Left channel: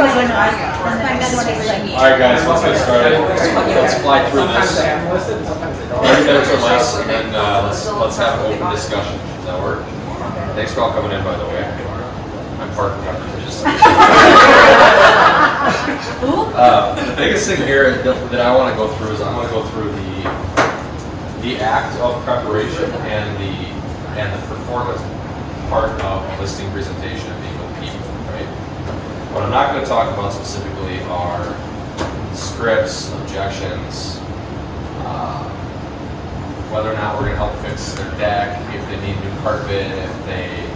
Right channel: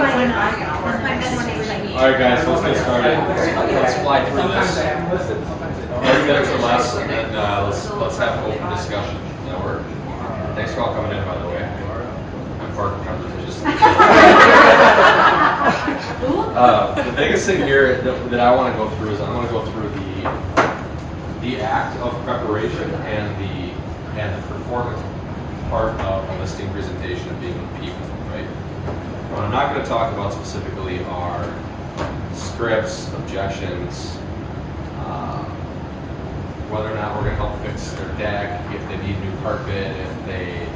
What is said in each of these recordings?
All right, guys, let's get started. Let's fly through this. 30 minutes or less, and then let's have an open discussion. Does that work? Thanks for all coming in, by the way. I'm parking repetitious. The biggest thing here that I want to go through is I want to go through the act of preparation and the performance part of a listing presentation and being with people, right? What I'm not going to talk about specifically are scripts, objections, whether or not we're going to help fix their deck, if they need new carpet, if they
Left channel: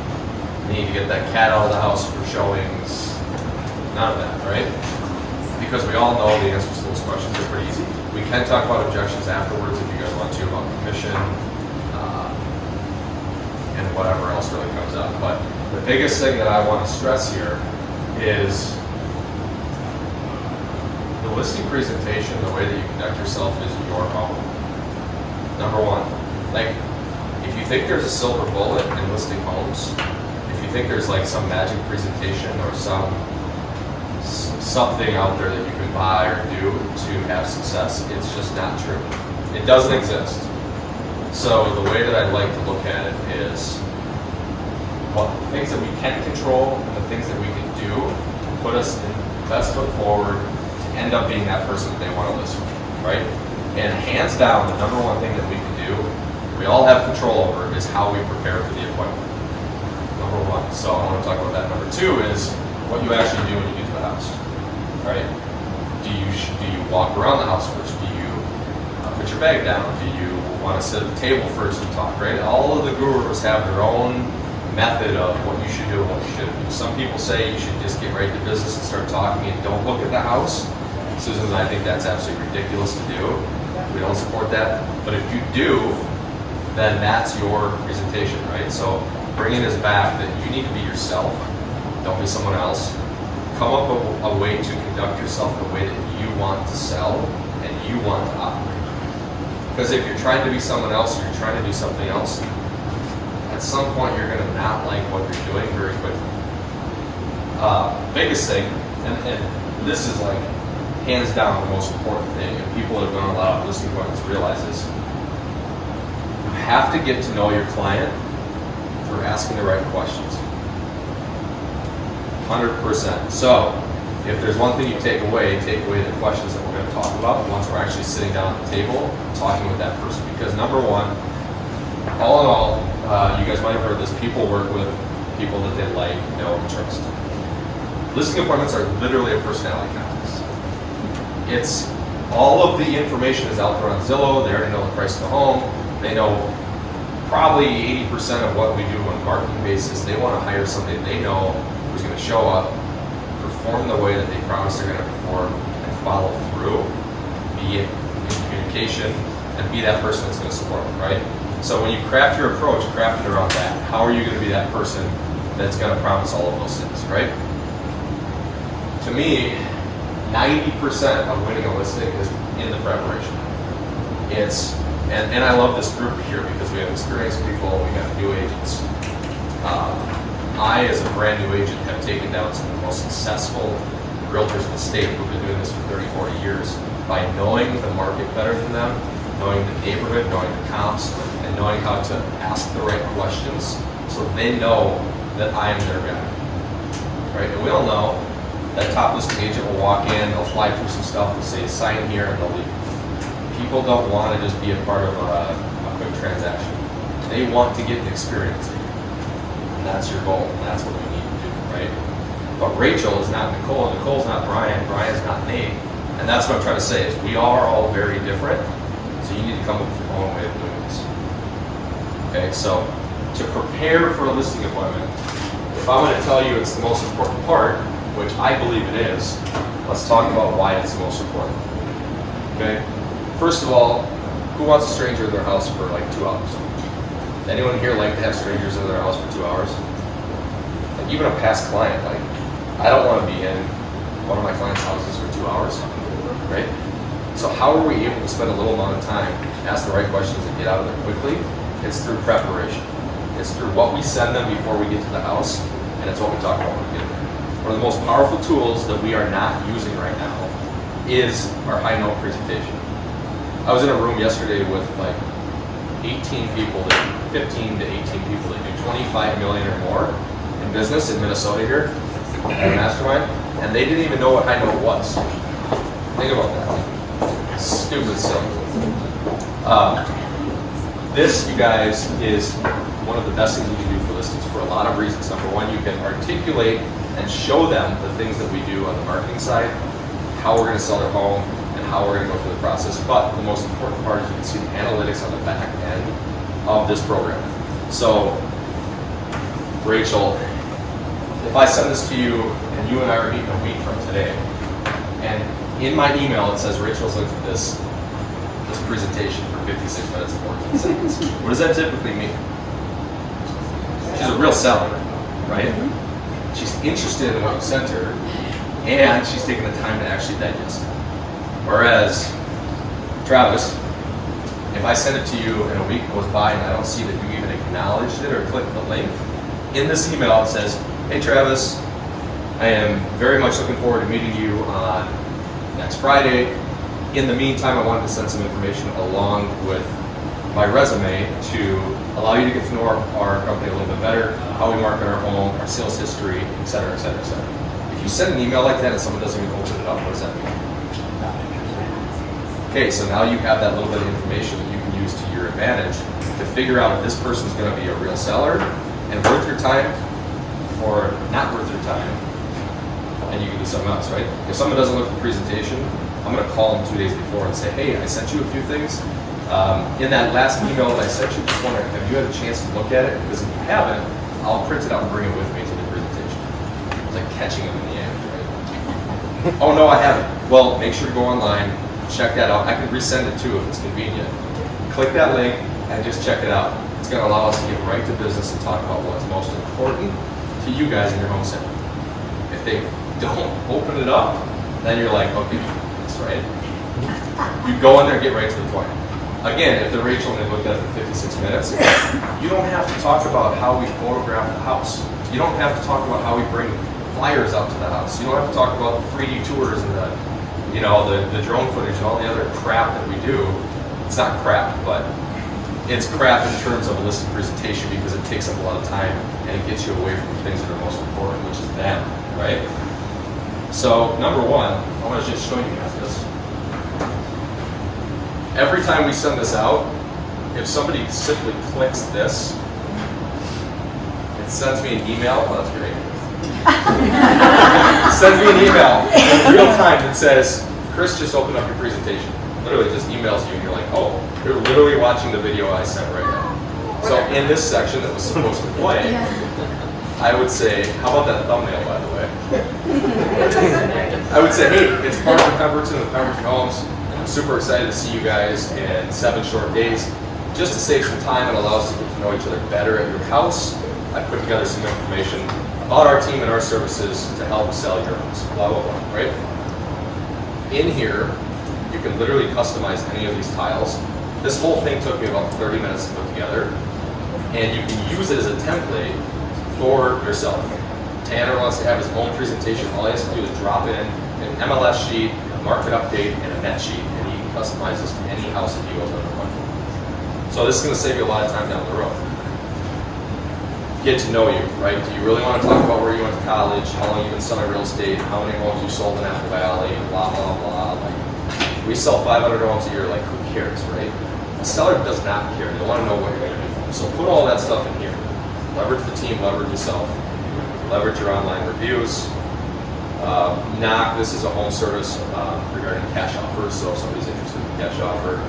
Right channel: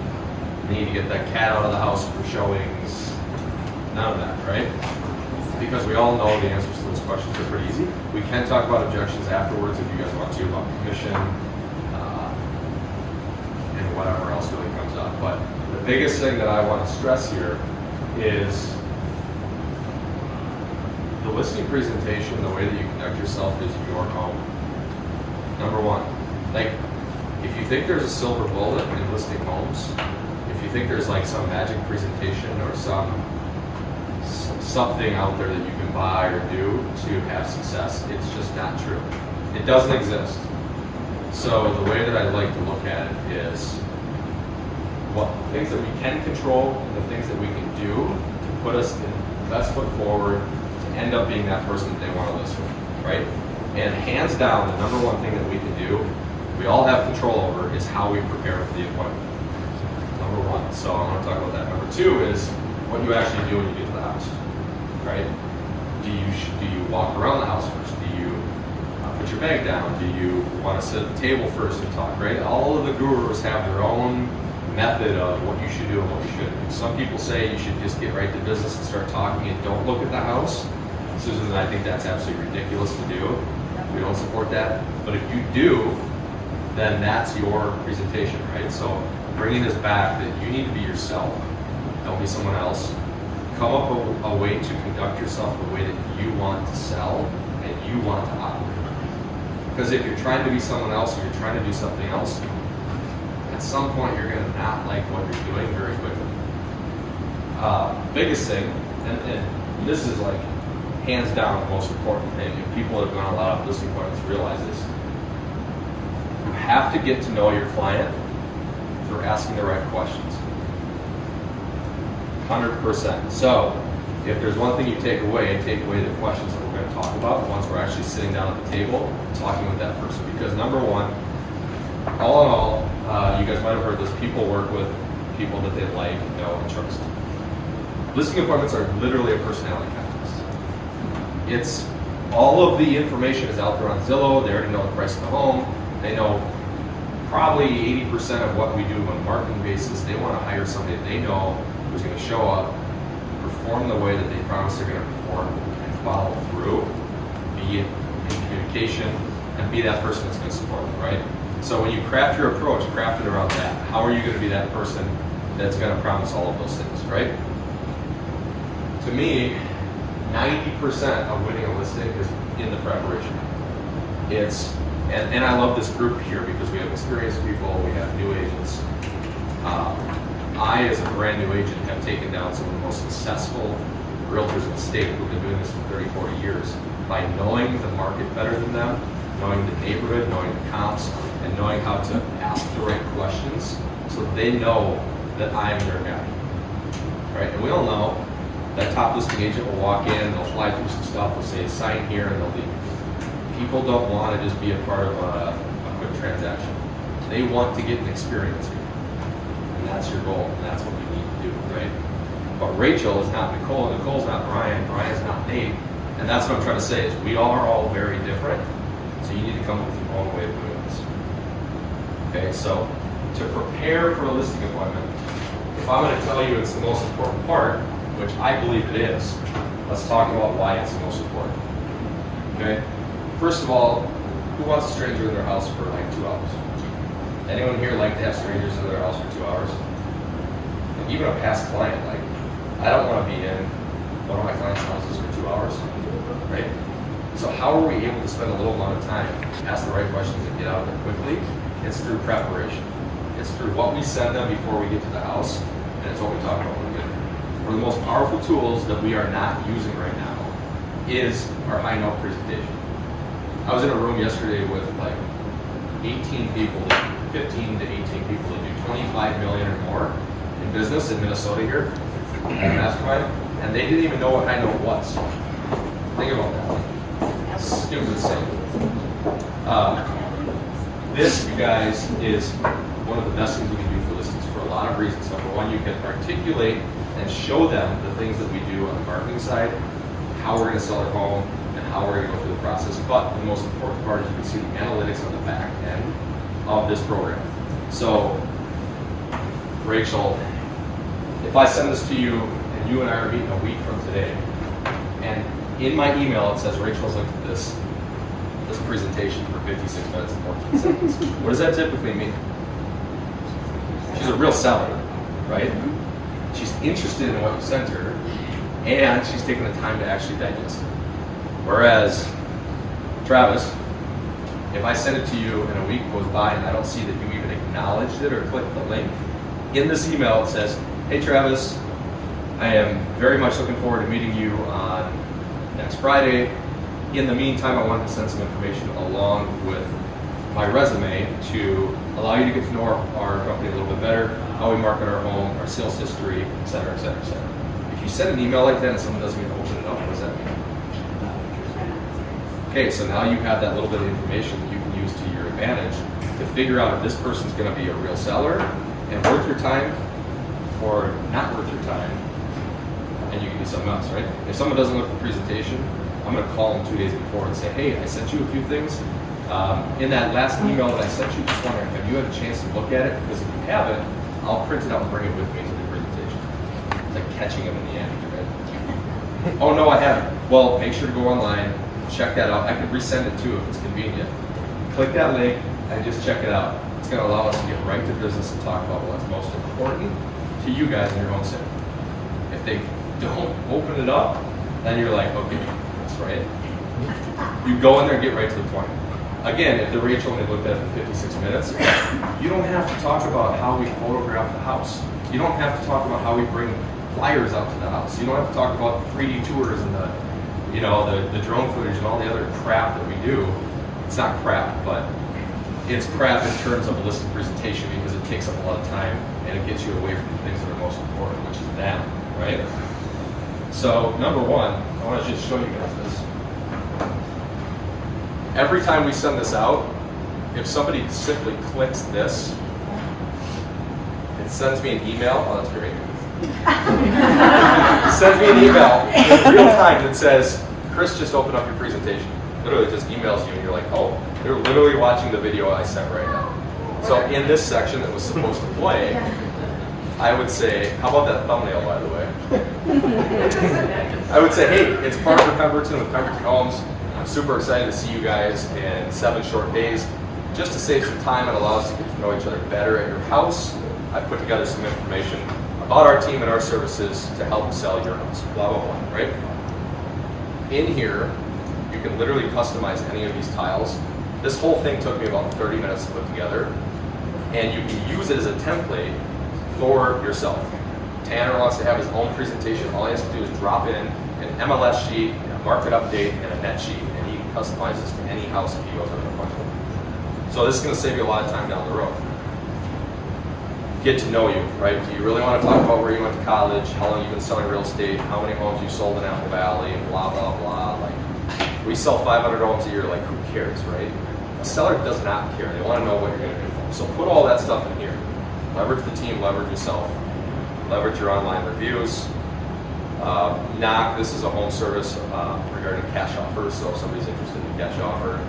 need to get that cat out of the house for showings, none of that, right? Because we all know the answers to those questions are pretty easy. We can talk about objections afterwards if you guys want to, about commission and whatever else really comes up. But the biggest thing that I want to stress here is the listing presentation, the way that you conduct yourself is your own. Number one, like if you think there's a silver bullet in listing homes, if you think there's like some magic presentation or something out there that you can buy or do to have success, it's just not true. It doesn't exist. So the way that I like to look at it is what things that we can control and the things that we can do to put us in the best foot forward to end up being that person that they want to list with, right? And hands down, the number one thing that we can do, we all have control over, is how we prepare for the appointment. Number one. So I want to talk about that. Number two is what you actually do when you get to the house, right? Do you walk around the house first? Do you put your bag down? Do you want to sit at the table first and talk, right? All of the gurus have their own method of what you should do and what you shouldn't do. Some people say you should just get right to business and start talking and don't look at the house. Susan and I think that's absolutely ridiculous to do. We don't support that. But if you do, then that's your presentation, right? So bringing this back that you need to be yourself. Don't be someone else. Come up with a way to conduct yourself the way that you want to sell and you want to operate. Because if you're trying to be someone else or you're trying to do something else, at some point you're going to not like what you're doing very quickly. Biggest thing, and this is like hands down the most important thing, and people that have gone on a lot of listing appointments realize this. You have to get to know your client through asking the right questions. 100%. So, if there's one thing you take away the questions that we're going to talk about once we're actually sitting down at the table, talking with that person. Because number one, all in all, you guys might have heard this, people work with people that they like, know, and trust. Listing appointments are literally a personality contest. It's all of the information is out there on Zillow. They already know the price of the home. They know probably 80% of what we do on a marketing basis. They want to hire somebody they know who's going to show up, perform the way that they promise they're going to perform, and follow through, be in communication, and be that person that's going to support them, right? So when you craft your approach, craft it around that. How are you going to be that person that's going to promise all of those things, right? To me, 90% of winning a listing is in the preparation. And I love this group here because we have experienced people, we have new agents. I, as a brand new agent, have taken down some of the most successful realtors in the state who've been doing this for 30, 40 years by knowing the market better than them, knowing the neighborhood, knowing the comps, and knowing how to ask the right questions so they know that I am their guy, right? And we all know that top listing agent will walk in, they'll fly through some stuff, they'll say sign here, and they'll leave. People don't want to just be a part of a quick transaction. They want to get an experience. And that's your goal, and that's what you need to do, right? But Rachel is not Nicole, and Nicole's not Brian, Brian's not Nate. And that's what I'm trying to say is we are all very different, so you need to come up with your own way of doing this. Okay, so to prepare for a listing appointment, if I'm going to tell you it's the most important part, which I believe it is, let's talk about why it's the most important. Okay? First of all, who wants a stranger in their house for like 2 hours? Anyone here like to have strangers in their house for 2 hours? Like even a past client, like I don't want to be in one of my clients' houses for 2 hours, right? So how are we able to spend a little amount of time, ask the right questions, and get out of there quickly? It's through preparation. It's through what we send them before we get to the house, and it's what we talk about when we get there. one of the most powerful tools that we are not using right now is our high note presentation. I was in a room yesterday with like 18 people, 15 to 18 people that do 25 million or more in business in Minnesota here at a mastermind, and they didn't even know what high note was. Think about that. Stupid silly. This, you guys, is one of the best things we can do for listings for a lot of reasons. Number one, you can articulate and show them the things that we do on the marketing side, how we're going to sell their home, and how we're going to go through the process. But the most important part is you can see the analytics on the back end of this program. So, Rachel, if I send this to you and you and I are meeting a week from today, and in my email it says Rachel's looked at this presentation for 56 minutes and 14 seconds. What does that typically mean? She's a real seller, right? She's interested in what you sent her, and she's taking the time to actually digest it. Whereas, Travis, if I send it to you and a week goes by and I don't see that you even acknowledged it or clicked the link, in this email it says, hey Travis, I am very much looking forward to meeting you on next Friday. In the meantime, I wanted to send some information along with my resume to allow you to get to know our company a little bit better, how we market our home, our sales history, et cetera, et cetera, et cetera. If you send an email like that and someone doesn't even open it up, what does that mean? Okay, so now you have that little bit of information that you can use to your advantage to figure out if this person's going to be a real seller and worth your time or not worth your time, and you can do something else, right? If someone doesn't look at the presentation, I'm going to call them 2 days before and say, hey, I sent you a few things. In that last email that I sent you, just wondering, have you had a chance to look at it? Because if you haven't, I'll print it out and bring it with me to the presentation. It's like catching them in the act, right? Oh, no, I haven't. Well, make sure to go online, check that out. I can resend it too if it's convenient. Click that link and just check it out. It's going to allow us to get right to business and talk about what's most important to you guys in your home center. If they don't open it up, then you're like, okay, that's right. You go in there and get right to the point. Again, if the Rachel and they looked at it for 56 minutes, you don't have to talk about how we photograph the house. You don't have to talk about how we bring flyers out to the house. You don't have to talk about the 3D tours and the drone footage and all the other crap that we do. It's not crap, but it's crap in terms of a listed presentation because it takes up a lot of time and it gets you away from the things that are most important, which is them, right? So, number one, I want to just show you guys this. Every time we send this out, if somebody simply clicks this, it sends me an email. Oh, that's great. Sends me an email in real time that says, Chris just opened up your presentation. Literally just emails you and you're like, oh, they're literally watching the video I sent right now. So in this section that was supposed to play, I would say, how about that thumbnail, by the way? I would say, hey, it's Mark with Pemberton with Pemberton Homes. I'm super excited to see you guys in 7 short days. Just to save some time and allow us to get to know each other better at your house, I put together some information about our team and our services to help sell your house. Blah, blah, blah, right? In here, you can literally customize any of these tiles. This whole thing took me about 30 minutes to put together, and you can use it as a template for yourself. Tanner wants to have his own presentation. All he has to do is drop in an MLS sheet, a market update, and a net sheet, and he can customize this to any house that he goes on the platform. So this is going to save you a lot of time down the road. Get to know you, right? Do you really want to talk about where you went to college, how long you've been selling real estate, how many homes you sold in Apple Valley, blah, blah, blah. Like, we sell 500 homes a year, like who cares, right? A seller does not care. They want to know what you're going to do for them. So put all that stuff in here. Leverage the team, leverage yourself, leverage your online reviews. Knock, this is a home service regarding cash offers, so if somebody's interested in a cash offer.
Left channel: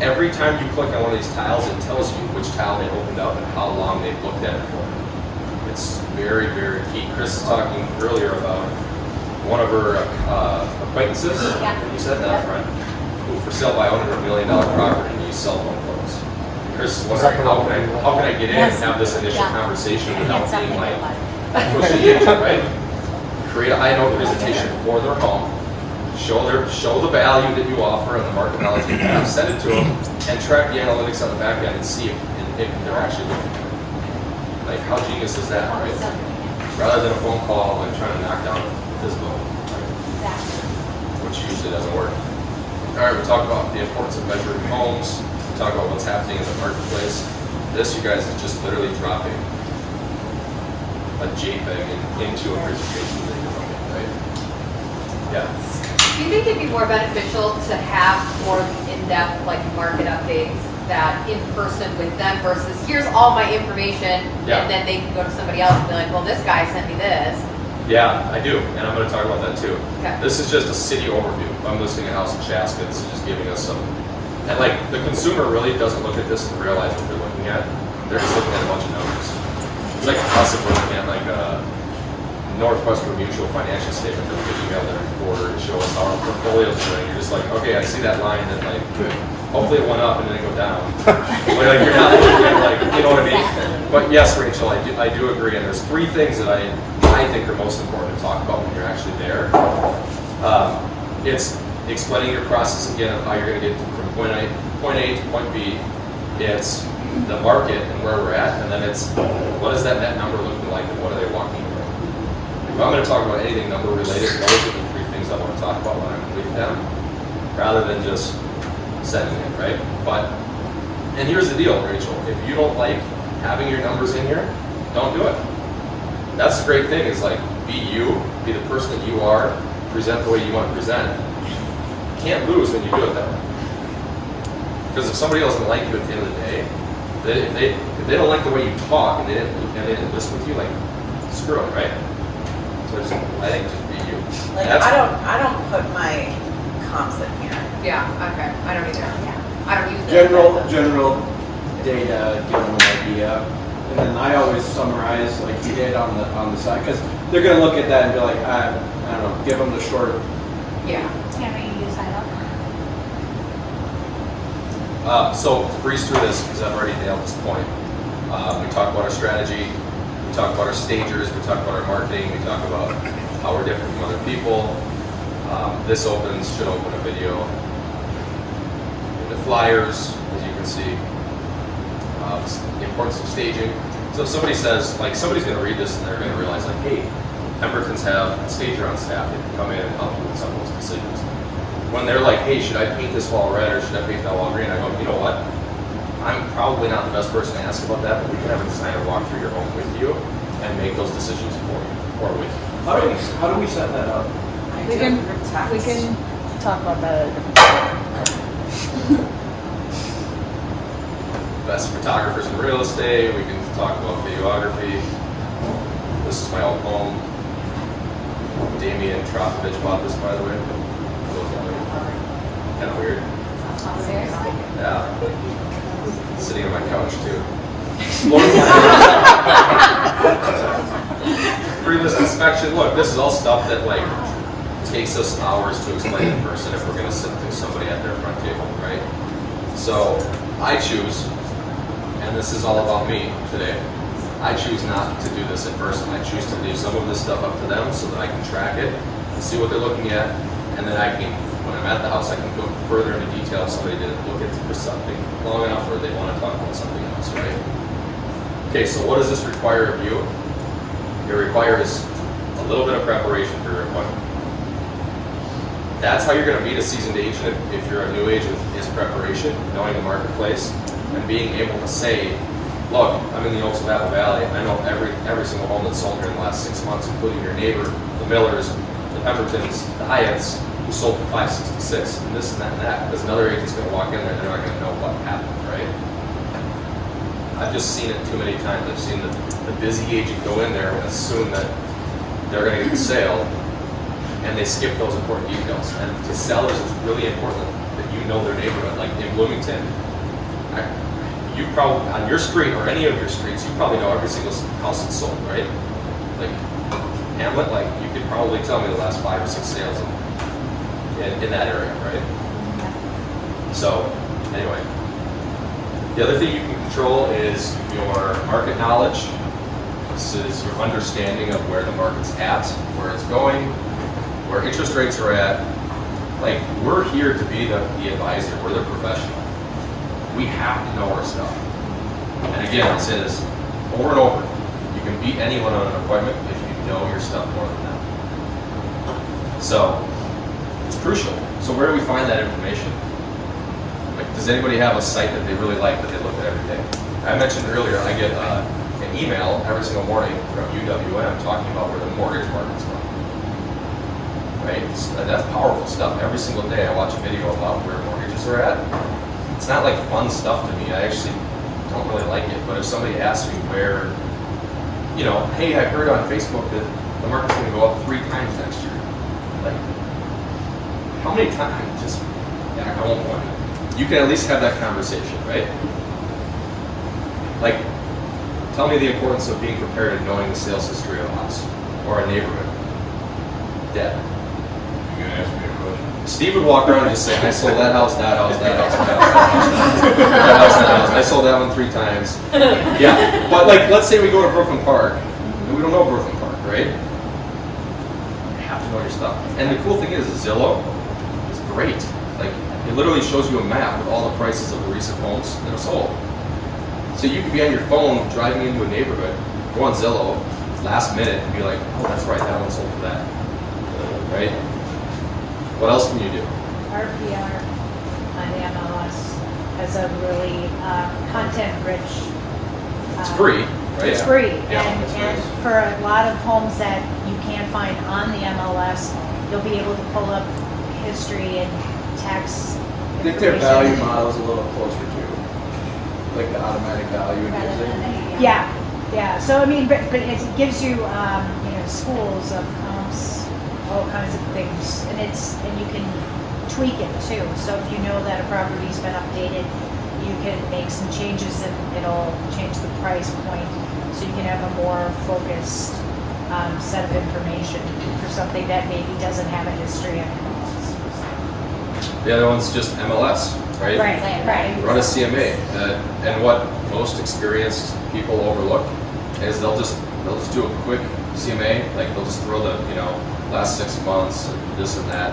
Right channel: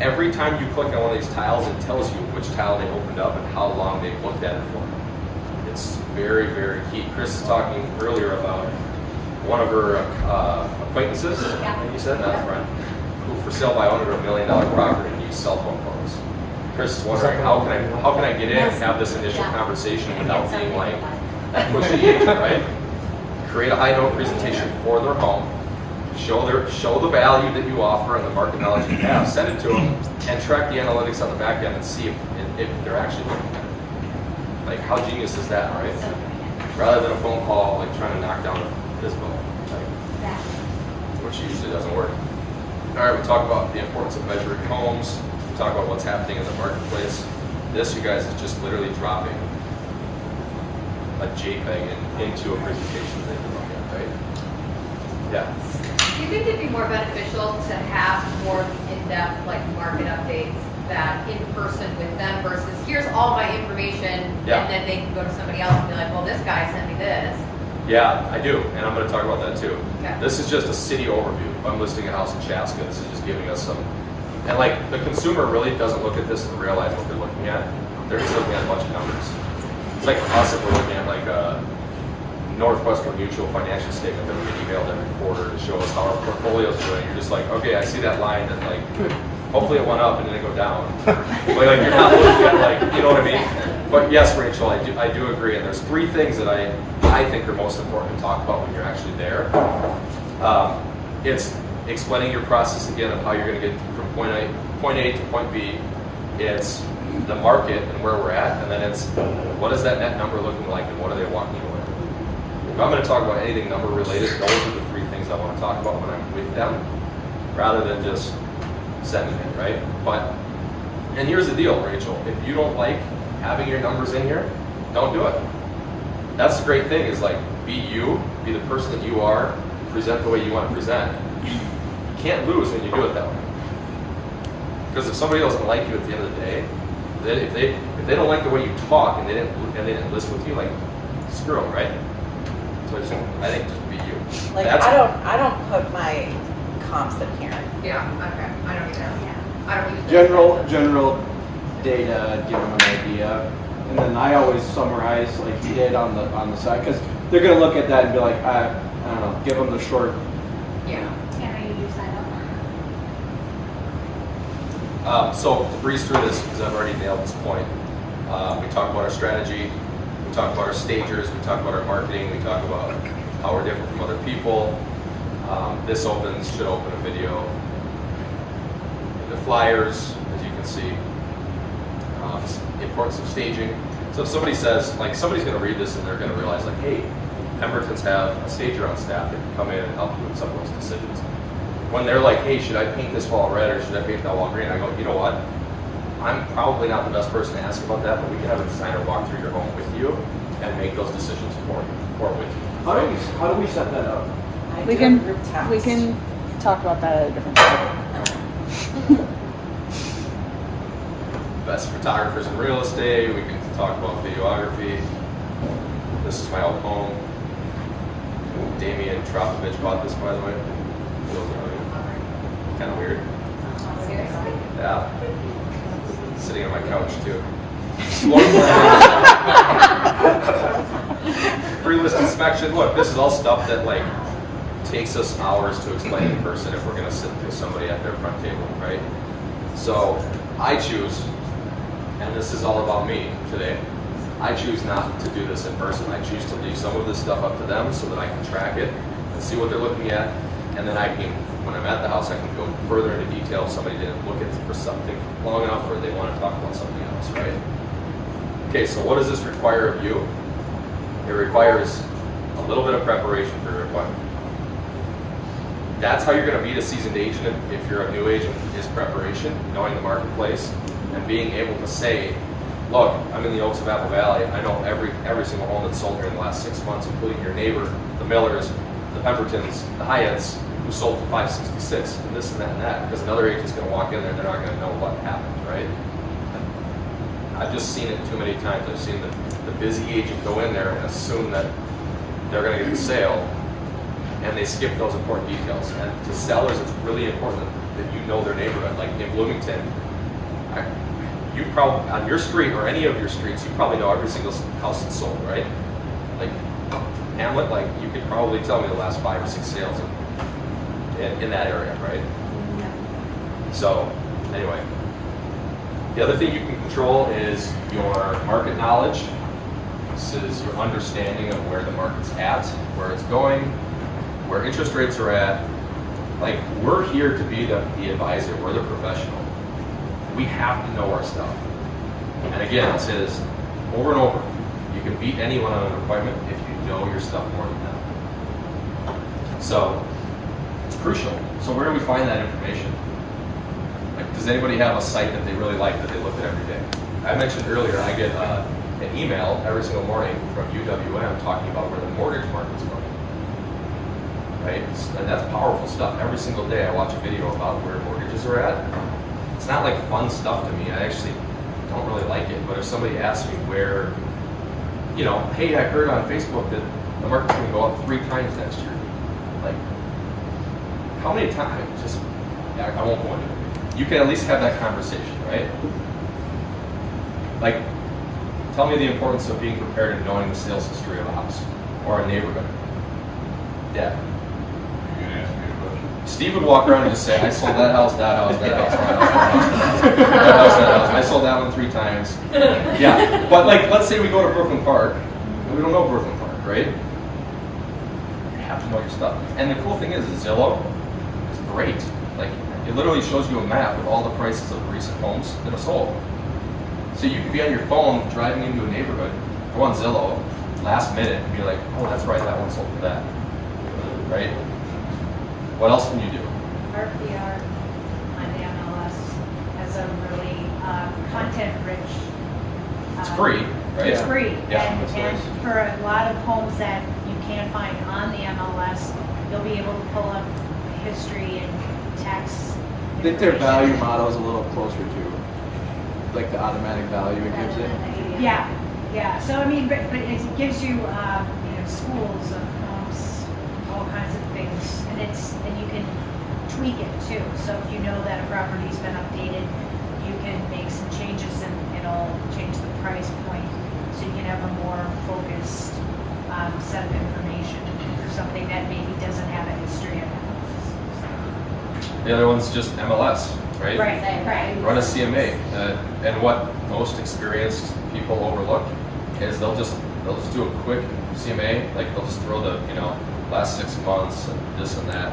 Every time you click on one of these tiles, it tells you which tile they opened up and how long they've looked at it for. It's very, very key. Chris was talking earlier about one of her acquaintances, you said, not a friend, who for sale by owner of $1 million property and used cell phone photos. Chris is wondering, how can I get in and have this initial conversation without being like pushy agent, right? Create a high note presentation for their home, show the value that you offer and the market knowledge you have, send it to them, and track the analytics on the back end and see if they're actually looking at it. Like, how genius is that, right? rather than a phone call like trying to knock down this building, right? Which usually doesn't work. All right, we talk about the importance of measuring homes. We talk about what's happening in the marketplace. This, you guys, is just literally dropping a JPEG into a presentation that you're looking at, right? Yeah. Do you think it'd be more beneficial to have more in-depth like market updates that in person with them versus here's all my information Yeah. and then they can go to somebody else and be like, well, this guy sent me this. Yeah, I do, and I'm going to talk about that too. Okay. This is just a city overview. If I'm listing a house in Chaska, this is just giving us some, and like the consumer really doesn't look at this and realize what they're looking at. They're just looking at a bunch of numbers. It's like us if we're looking at like a Northwestern Mutual financial statement that we can email them every quarter and show us how our portfolio's doing. You're just like, okay, I see that line and like, hopefully it went up and then it go down. But like, you're not looking at like, you know what I mean? But yes, Rachel, I do agree. And there's three things that I think are most important to talk about when you're actually there. It's explaining your process again of how you're going to get from point A to point B. It's the market and where we're at, and then it's what is that net number looking like and what are they walking around. If I'm going to talk about anything number related, those are the three things I want to talk about when I'm with them, rather than just sending it, right? But, and here's the deal, Rachel, if you don't like having your numbers in here, don't do it. That's the great thing is like, be you, be the person that you are, present the way you want to present. You can't lose when you do it that way. Because if somebody else doesn't like you at the end of the day, if they don't like the way you talk and they didn't listen with you, like, screw them, right? So I think just be you. Like, I don't put my comps in here. Yeah, okay. I don't either. Yeah. I don't use that. General data, give them an idea, and then I always summarize like you did on the side because they're gonna look at that and be like, I don't know, give them the short. Yeah. Tanner, you use that. So to breeze through this, because I've already nailed this point, we talk about our strategy, we talk about our stagers, we talk about our marketing, we talk about how we're different from other people. This should open a video. The flyers, as you can see, the importance of staging. So if somebody says, like somebody's going to read this and they're going to realize like, hey, Pemberton's have a stager on staff that can come in and help you with some of those decisions. When they're like, hey, should I paint this wall red or should I paint that wall green? I go, you know what? I'm probably not the best person to ask about that, but we can have a designer walk through your home with you and make those decisions for you or with you. How do we set that up? We can talk about that at a different time. Best photographers in real estate, we can talk about videography. This is my old home. Damian Tropovich bought this, by the way. Kind of weird. Seriously? Yeah. Sitting on my couch too. Through this inspection, look, this is all stuff that like takes us hours to explain in person if we're going to sit with somebody at their front table, right? So I choose, and this is all about me today, I choose not to do this in person. I choose to leave some of this stuff up to them so that I can track it and see what they're looking at, and then I can, when I'm at the house, I can go further into detail if somebody didn't look at it for something long enough or they want to talk about something else, right? Okay, so what does this require of you? It requires a little bit of preparation for your appointment. That's how you're going to meet a seasoned agent if you're a new agent, is preparation, knowing the marketplace, and being able to say, look, I'm in the Oaks of Apple Valley. I know every single home that's sold here in the last 6 months, including your neighbor, the Millers, the Pembertons, the Hyatts, who sold for $566, and this and that and that, because another agent's going to walk in there and they're not going to know what happened, right? I've just seen it too many times. I've seen the busy agent go in there and assume that they're going to get the sale, and they skip those important details. And to sellers, it's really important that you know their neighborhood. Like in Bloomington, you probably, on your street or any of your streets, you probably know every single house that's sold, right? Like Hamlet, like you could probably tell me the last 5 or 6 sales in that area, right? So anyway, the other thing you can control is your market knowledge. This is your understanding of where the market's at, where it's going, where interest rates are at. Like, we're here to be the advisor, we're the professional. We have to know our stuff. And again, I'll say this over and over. You can beat anyone on an appointment if you know your stuff more than them. So it's crucial. So where do we find that information? Like, does anybody have a site that they really like that they look at every day? I mentioned earlier, I get an email every single morning from UWM talking about where the mortgage market's going. Right? And that's powerful stuff. Every single day I watch a video about where mortgages are at. It's not like fun stuff to me. I actually don't really like it. But if somebody asks me where, you know, hey, I heard on Facebook that the market's going to go up 3 times next year. Like, how many times? Just, yeah, I won't point it. You can at least have that conversation, right? Like, tell me the importance of being prepared and knowing the sales history of a house or a neighborhood. Deb. You gonna ask me a question? Steve would walk around and just say, I sold that house, that house, that house, that house, that house, that house, that house. I sold that one 3 times. Yeah, but like, let's say we go to Brooklyn Park, and we don't know Brooklyn Park, right? You have to know your stuff. And the cool thing is Zillow is great. Like, it literally shows you a map with all the prices of recent homes that have sold. So you could be on your phone driving into a neighborhood, go on Zillow, last minute, and be like, oh, that's right, that one sold for that. Right? What else can you do? RPR on the MLS has a really content-rich. It's free, right? It's free, Yeah, and, that's and nice. for a lot of homes that you can't find on the MLS, you'll be able to pull up history and tax I think their value information. model's a little closer to, like, the automatic value it gives it. Yeah. So I mean, but it gives you, schools of comps, all kinds of things, and you can tweak it too. So if you know that a property's been updated, you can make some changes and it'll change the price point, so you can have a more focused set of information for something that maybe doesn't have a history of MLS. The other one's just MLS, right? Right. Run a CMA. And what most experienced people overlook is they'll just do a quick CMA, like they'll just throw the, last 6 months and this and that.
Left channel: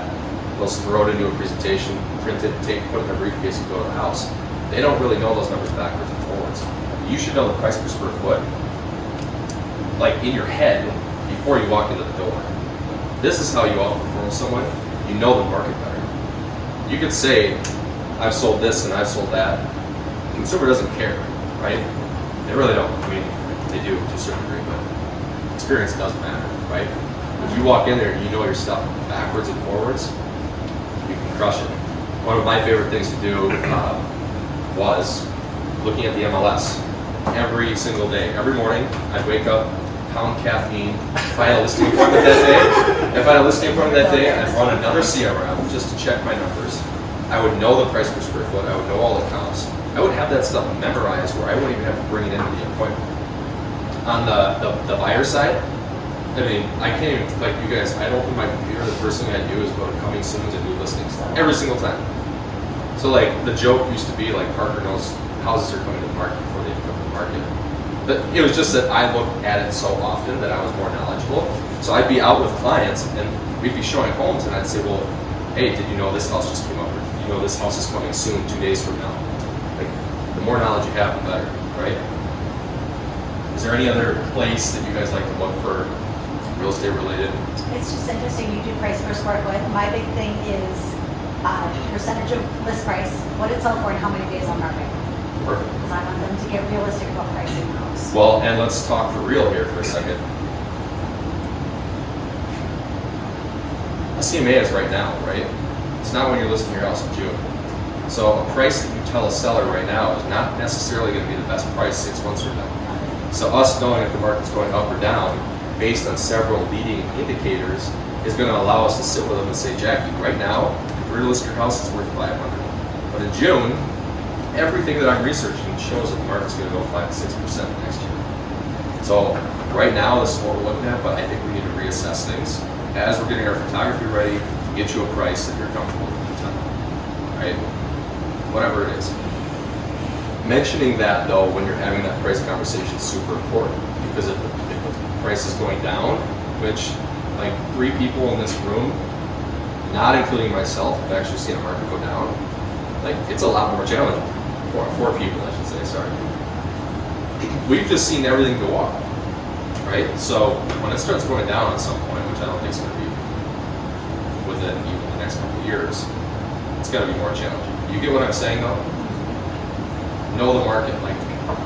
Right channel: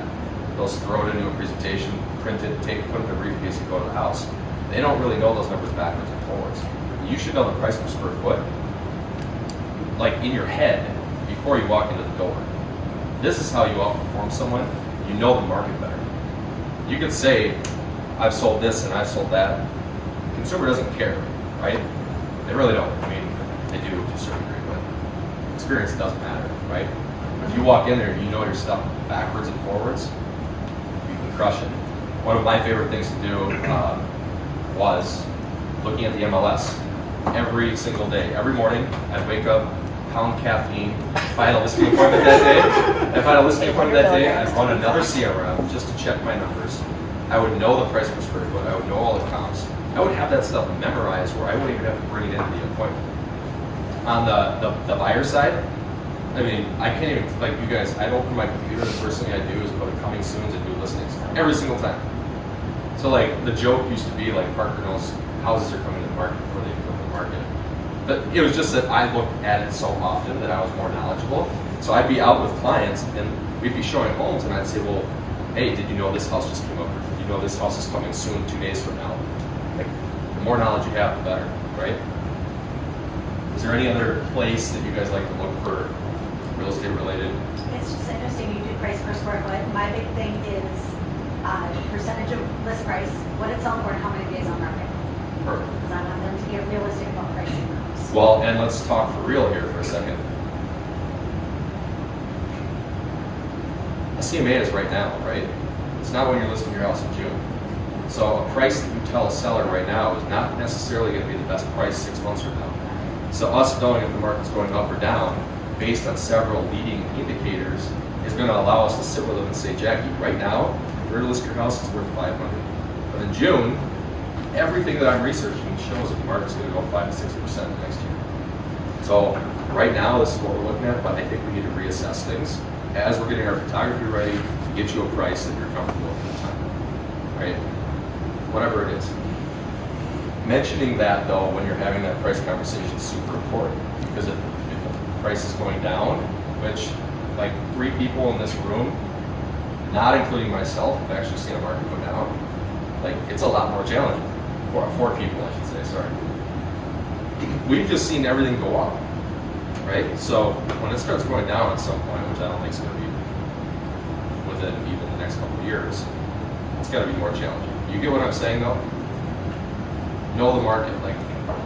They'll just throw it into a presentation, print it, put it in their briefcase and go to the house. They don't really know those numbers backwards and forwards. You should know the price per square foot, like in your head, before you walk into the door. This is how you outperform someone. You know the market better. You could say, I've sold this and I've sold that. The consumer doesn't care, right? They really don't. I mean, they do to a certain degree, but experience doesn't matter, right? If you walk in there and you know your stuff backwards and forwards, you can crush it. One of my favorite things to do was looking at the MLS every single day. Every morning, I'd wake up, pound caffeine. If I had a listing appointment that day, I'd run another CRM just to check my numbers. I would know the price per square foot. I would know all the comps. I would have that stuff memorized where I wouldn't even have to bring it into the appointment. On the buyer side, I mean, I can't even, like you guys, I'd open my computer, the first thing I'd do is go to coming soons and new listings. Every single time. So like, the joke used to be like, Parker knows houses are coming to the market before they come to the market. But it was just that I looked at it so often that I was more knowledgeable. So I'd be out with clients and we'd be showing homes and I'd say, well, hey, did you know this house just came up? Or did you know this house is coming soon, 2 days from now? Like, the more knowledge you have, the better, right? Is there any other place that you guys like to look for real estate related? It's just interesting, you do price per square foot. My big thing is percentage of list price, what it's sold for, and how many days on market. Perfect. Because I want them to get realistic about pricing the house. Well, and let's talk for real here for a second. A CMA is right now, right? It's not when you're listing your house in June. So a price that you tell a seller right now is not necessarily going to be the best price 6 months from now. So us knowing if the market's going up or down based on several leading indicators is going to allow us to sit with them and say, Jackie, right now, if we're to list your house, it's worth $500. But in June, everything that I'm researching shows that the market's going to go 5 to 6% next year. So right now, this is what we're looking at, but I think we need to reassess things as we're getting our photography ready to get you a price that you're comfortable with at the time, right? Whatever it is. Mentioning that though, when you're having that price conversation is super important, because if the price is going down, which like 3 people in this room, not including myself, have actually seen a market go down, like it's a lot more challenging. 4 people, I should say, sorry. We've just seen everything go up. right? So when it starts going down at some point, which I don't think is going to be within even the next couple of years, it's going to be more challenging. You get what I'm saying, though? Know the market. Like,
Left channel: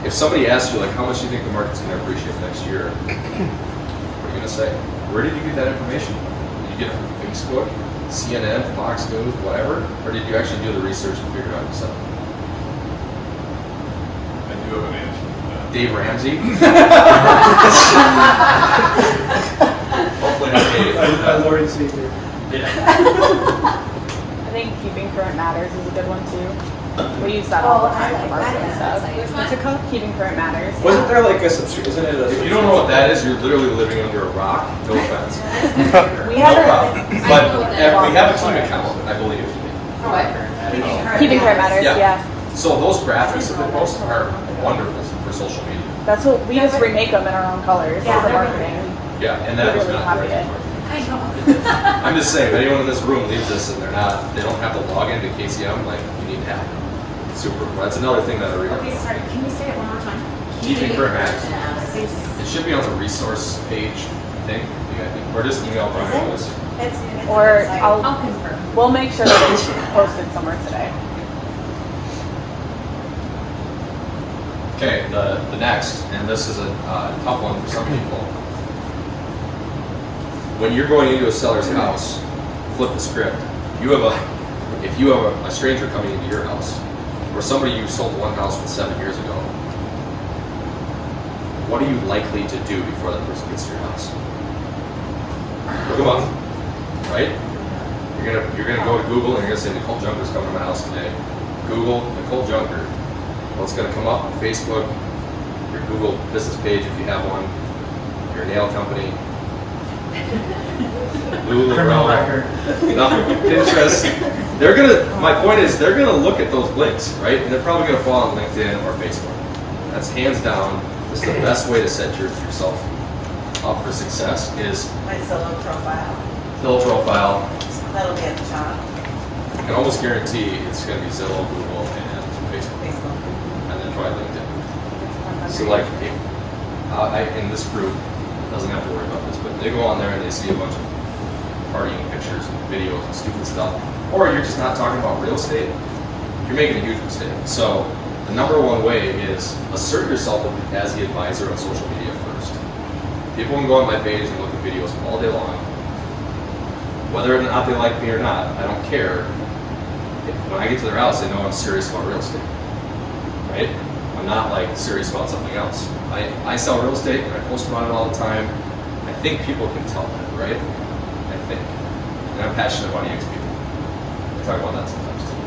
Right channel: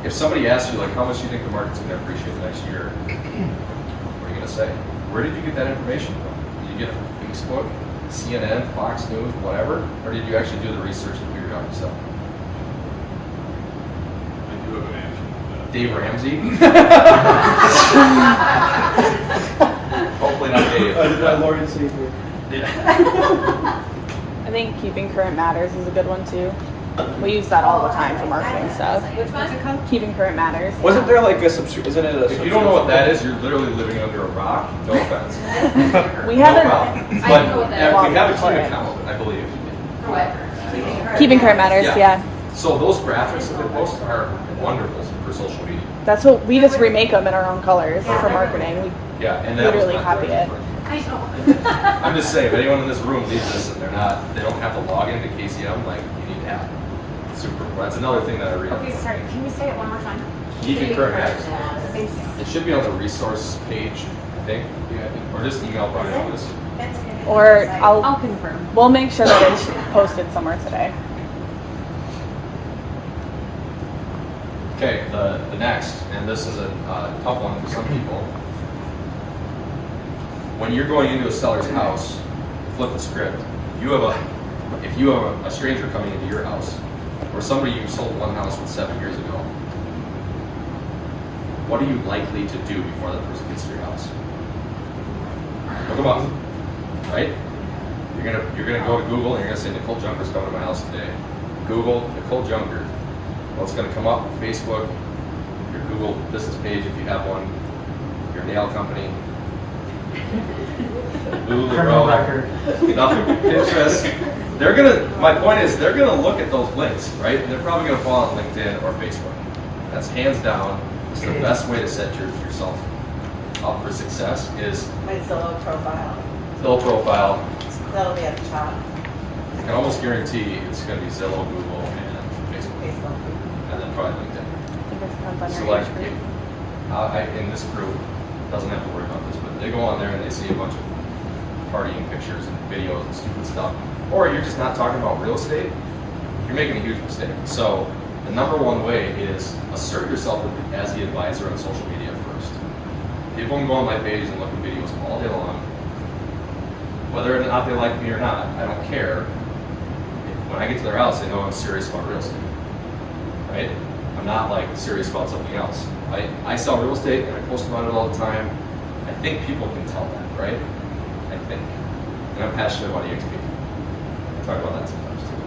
if somebody asks you, like, how much do you think the market's going to appreciate next year? What are you going to say? Where did you get that information from? Did you get it from Facebook, CNN, Fox News, whatever? Or did you actually do the research and figure it out yourself? I do have an answer to that. Dave Ramsey? Hopefully not Dave. My Lord and Savior. Yeah. I think keeping current matters is a good one too. We use that all the time for work and stuff. What's it called? Keeping current matters. Wasn't there like a subscription? Isn't it a If you don't know what that is, you're literally living under a rock. No offense. We No have problem. But we have a team account, I believe. keeping current matters. Yeah. Yeah. So those graphics that they post are wonderful for social media. That's what we just remake them in our own colors. Yeah, they're Everything. Yeah, and that was Literally not copied it. I know. I'm just saying, if anyone in this room leaves this and they don't have to log into KCM, like, you need to have it. It's super. That's another thing that I read. Okay, sorry, can we say it one more time? Keeping current matters. It should be on the resource page, I think, or just email Brian with this. It's Or inside. I'll confirm. We'll make sure that it's posted somewhere today. Okay, the next, and this is a tough one for some people. When you're going into a seller's house, flip the script. If you have a stranger coming into your house, or somebody you sold one house with 7 years ago, what are you likely to do before that person gets to your house? Look them up, right? You're gonna go to Google and you're gonna say Nicole Junker's coming to my house today. Google Nicole Junker. Well, it's gonna come up on Facebook, your Google business page if you have one, your nail company, Pinterest. My point is, they're gonna look at those links, right? And they're probably gonna fall on LinkedIn or Facebook. That's hands down. This is the best way to set yourself up for success is My Zillow profile. Zillow profile. That'll be at the top. I can almost guarantee it's gonna be Zillow, Google, and Facebook, Facebook. and then probably LinkedIn. So like, if in this group doesn't have to worry about this, but they go on there and they see a bunch of partying pictures and videos and stupid stuff, or you're just not talking about real estate, you're making a huge mistake. So the number one way is assert yourself as the advisor on social media first. People can go on my page and look at videos all day long. Whether or not they like me or not, I don't care. When I get to their house, they know I'm serious about real estate, right? I'm not like serious about something else. I sell real estate and I post about it all the time. I think people can tell that, right? I think. And I'm passionate about EXP. I talk about that sometimes too.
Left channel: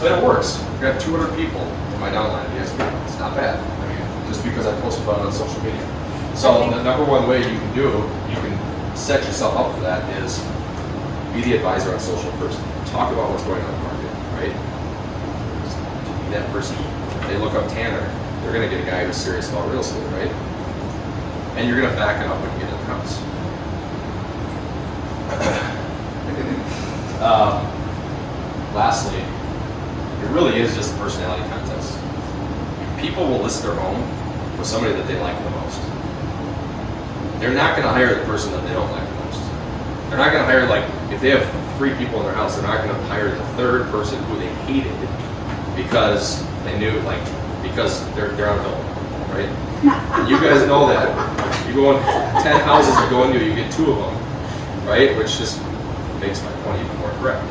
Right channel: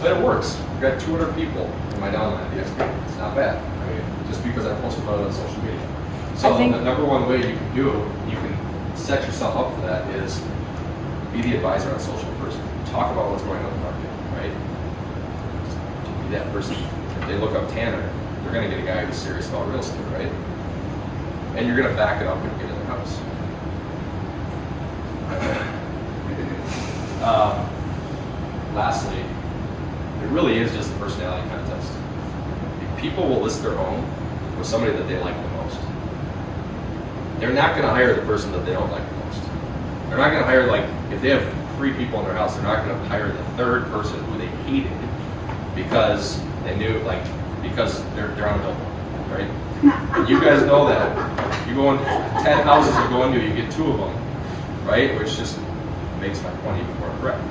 But it works. I've got 200 people in my downline at EXP. It's not bad. I mean, just because I post about it on social media. So the number one way you can set yourself up for that is be the advisor on social first. Talk about what's going on in the market, right? Just be that person. If they look up Tanner, they're going to get a guy who's serious about real estate, right? And you're going to back it up when you get in the house. Lastly, it really is just a personality contest. People will list their home with somebody that they like the most. They're not going to hire the person that they don't like the most. They're not going to hire, like, if they have 3 people in their house, they're not going to hire the 3rd person who they hated because they knew, like, because they're on a double, right? And you guys know that. You go in 10 houses you go into, you get 2 of them, right? Which just makes my point even more correct.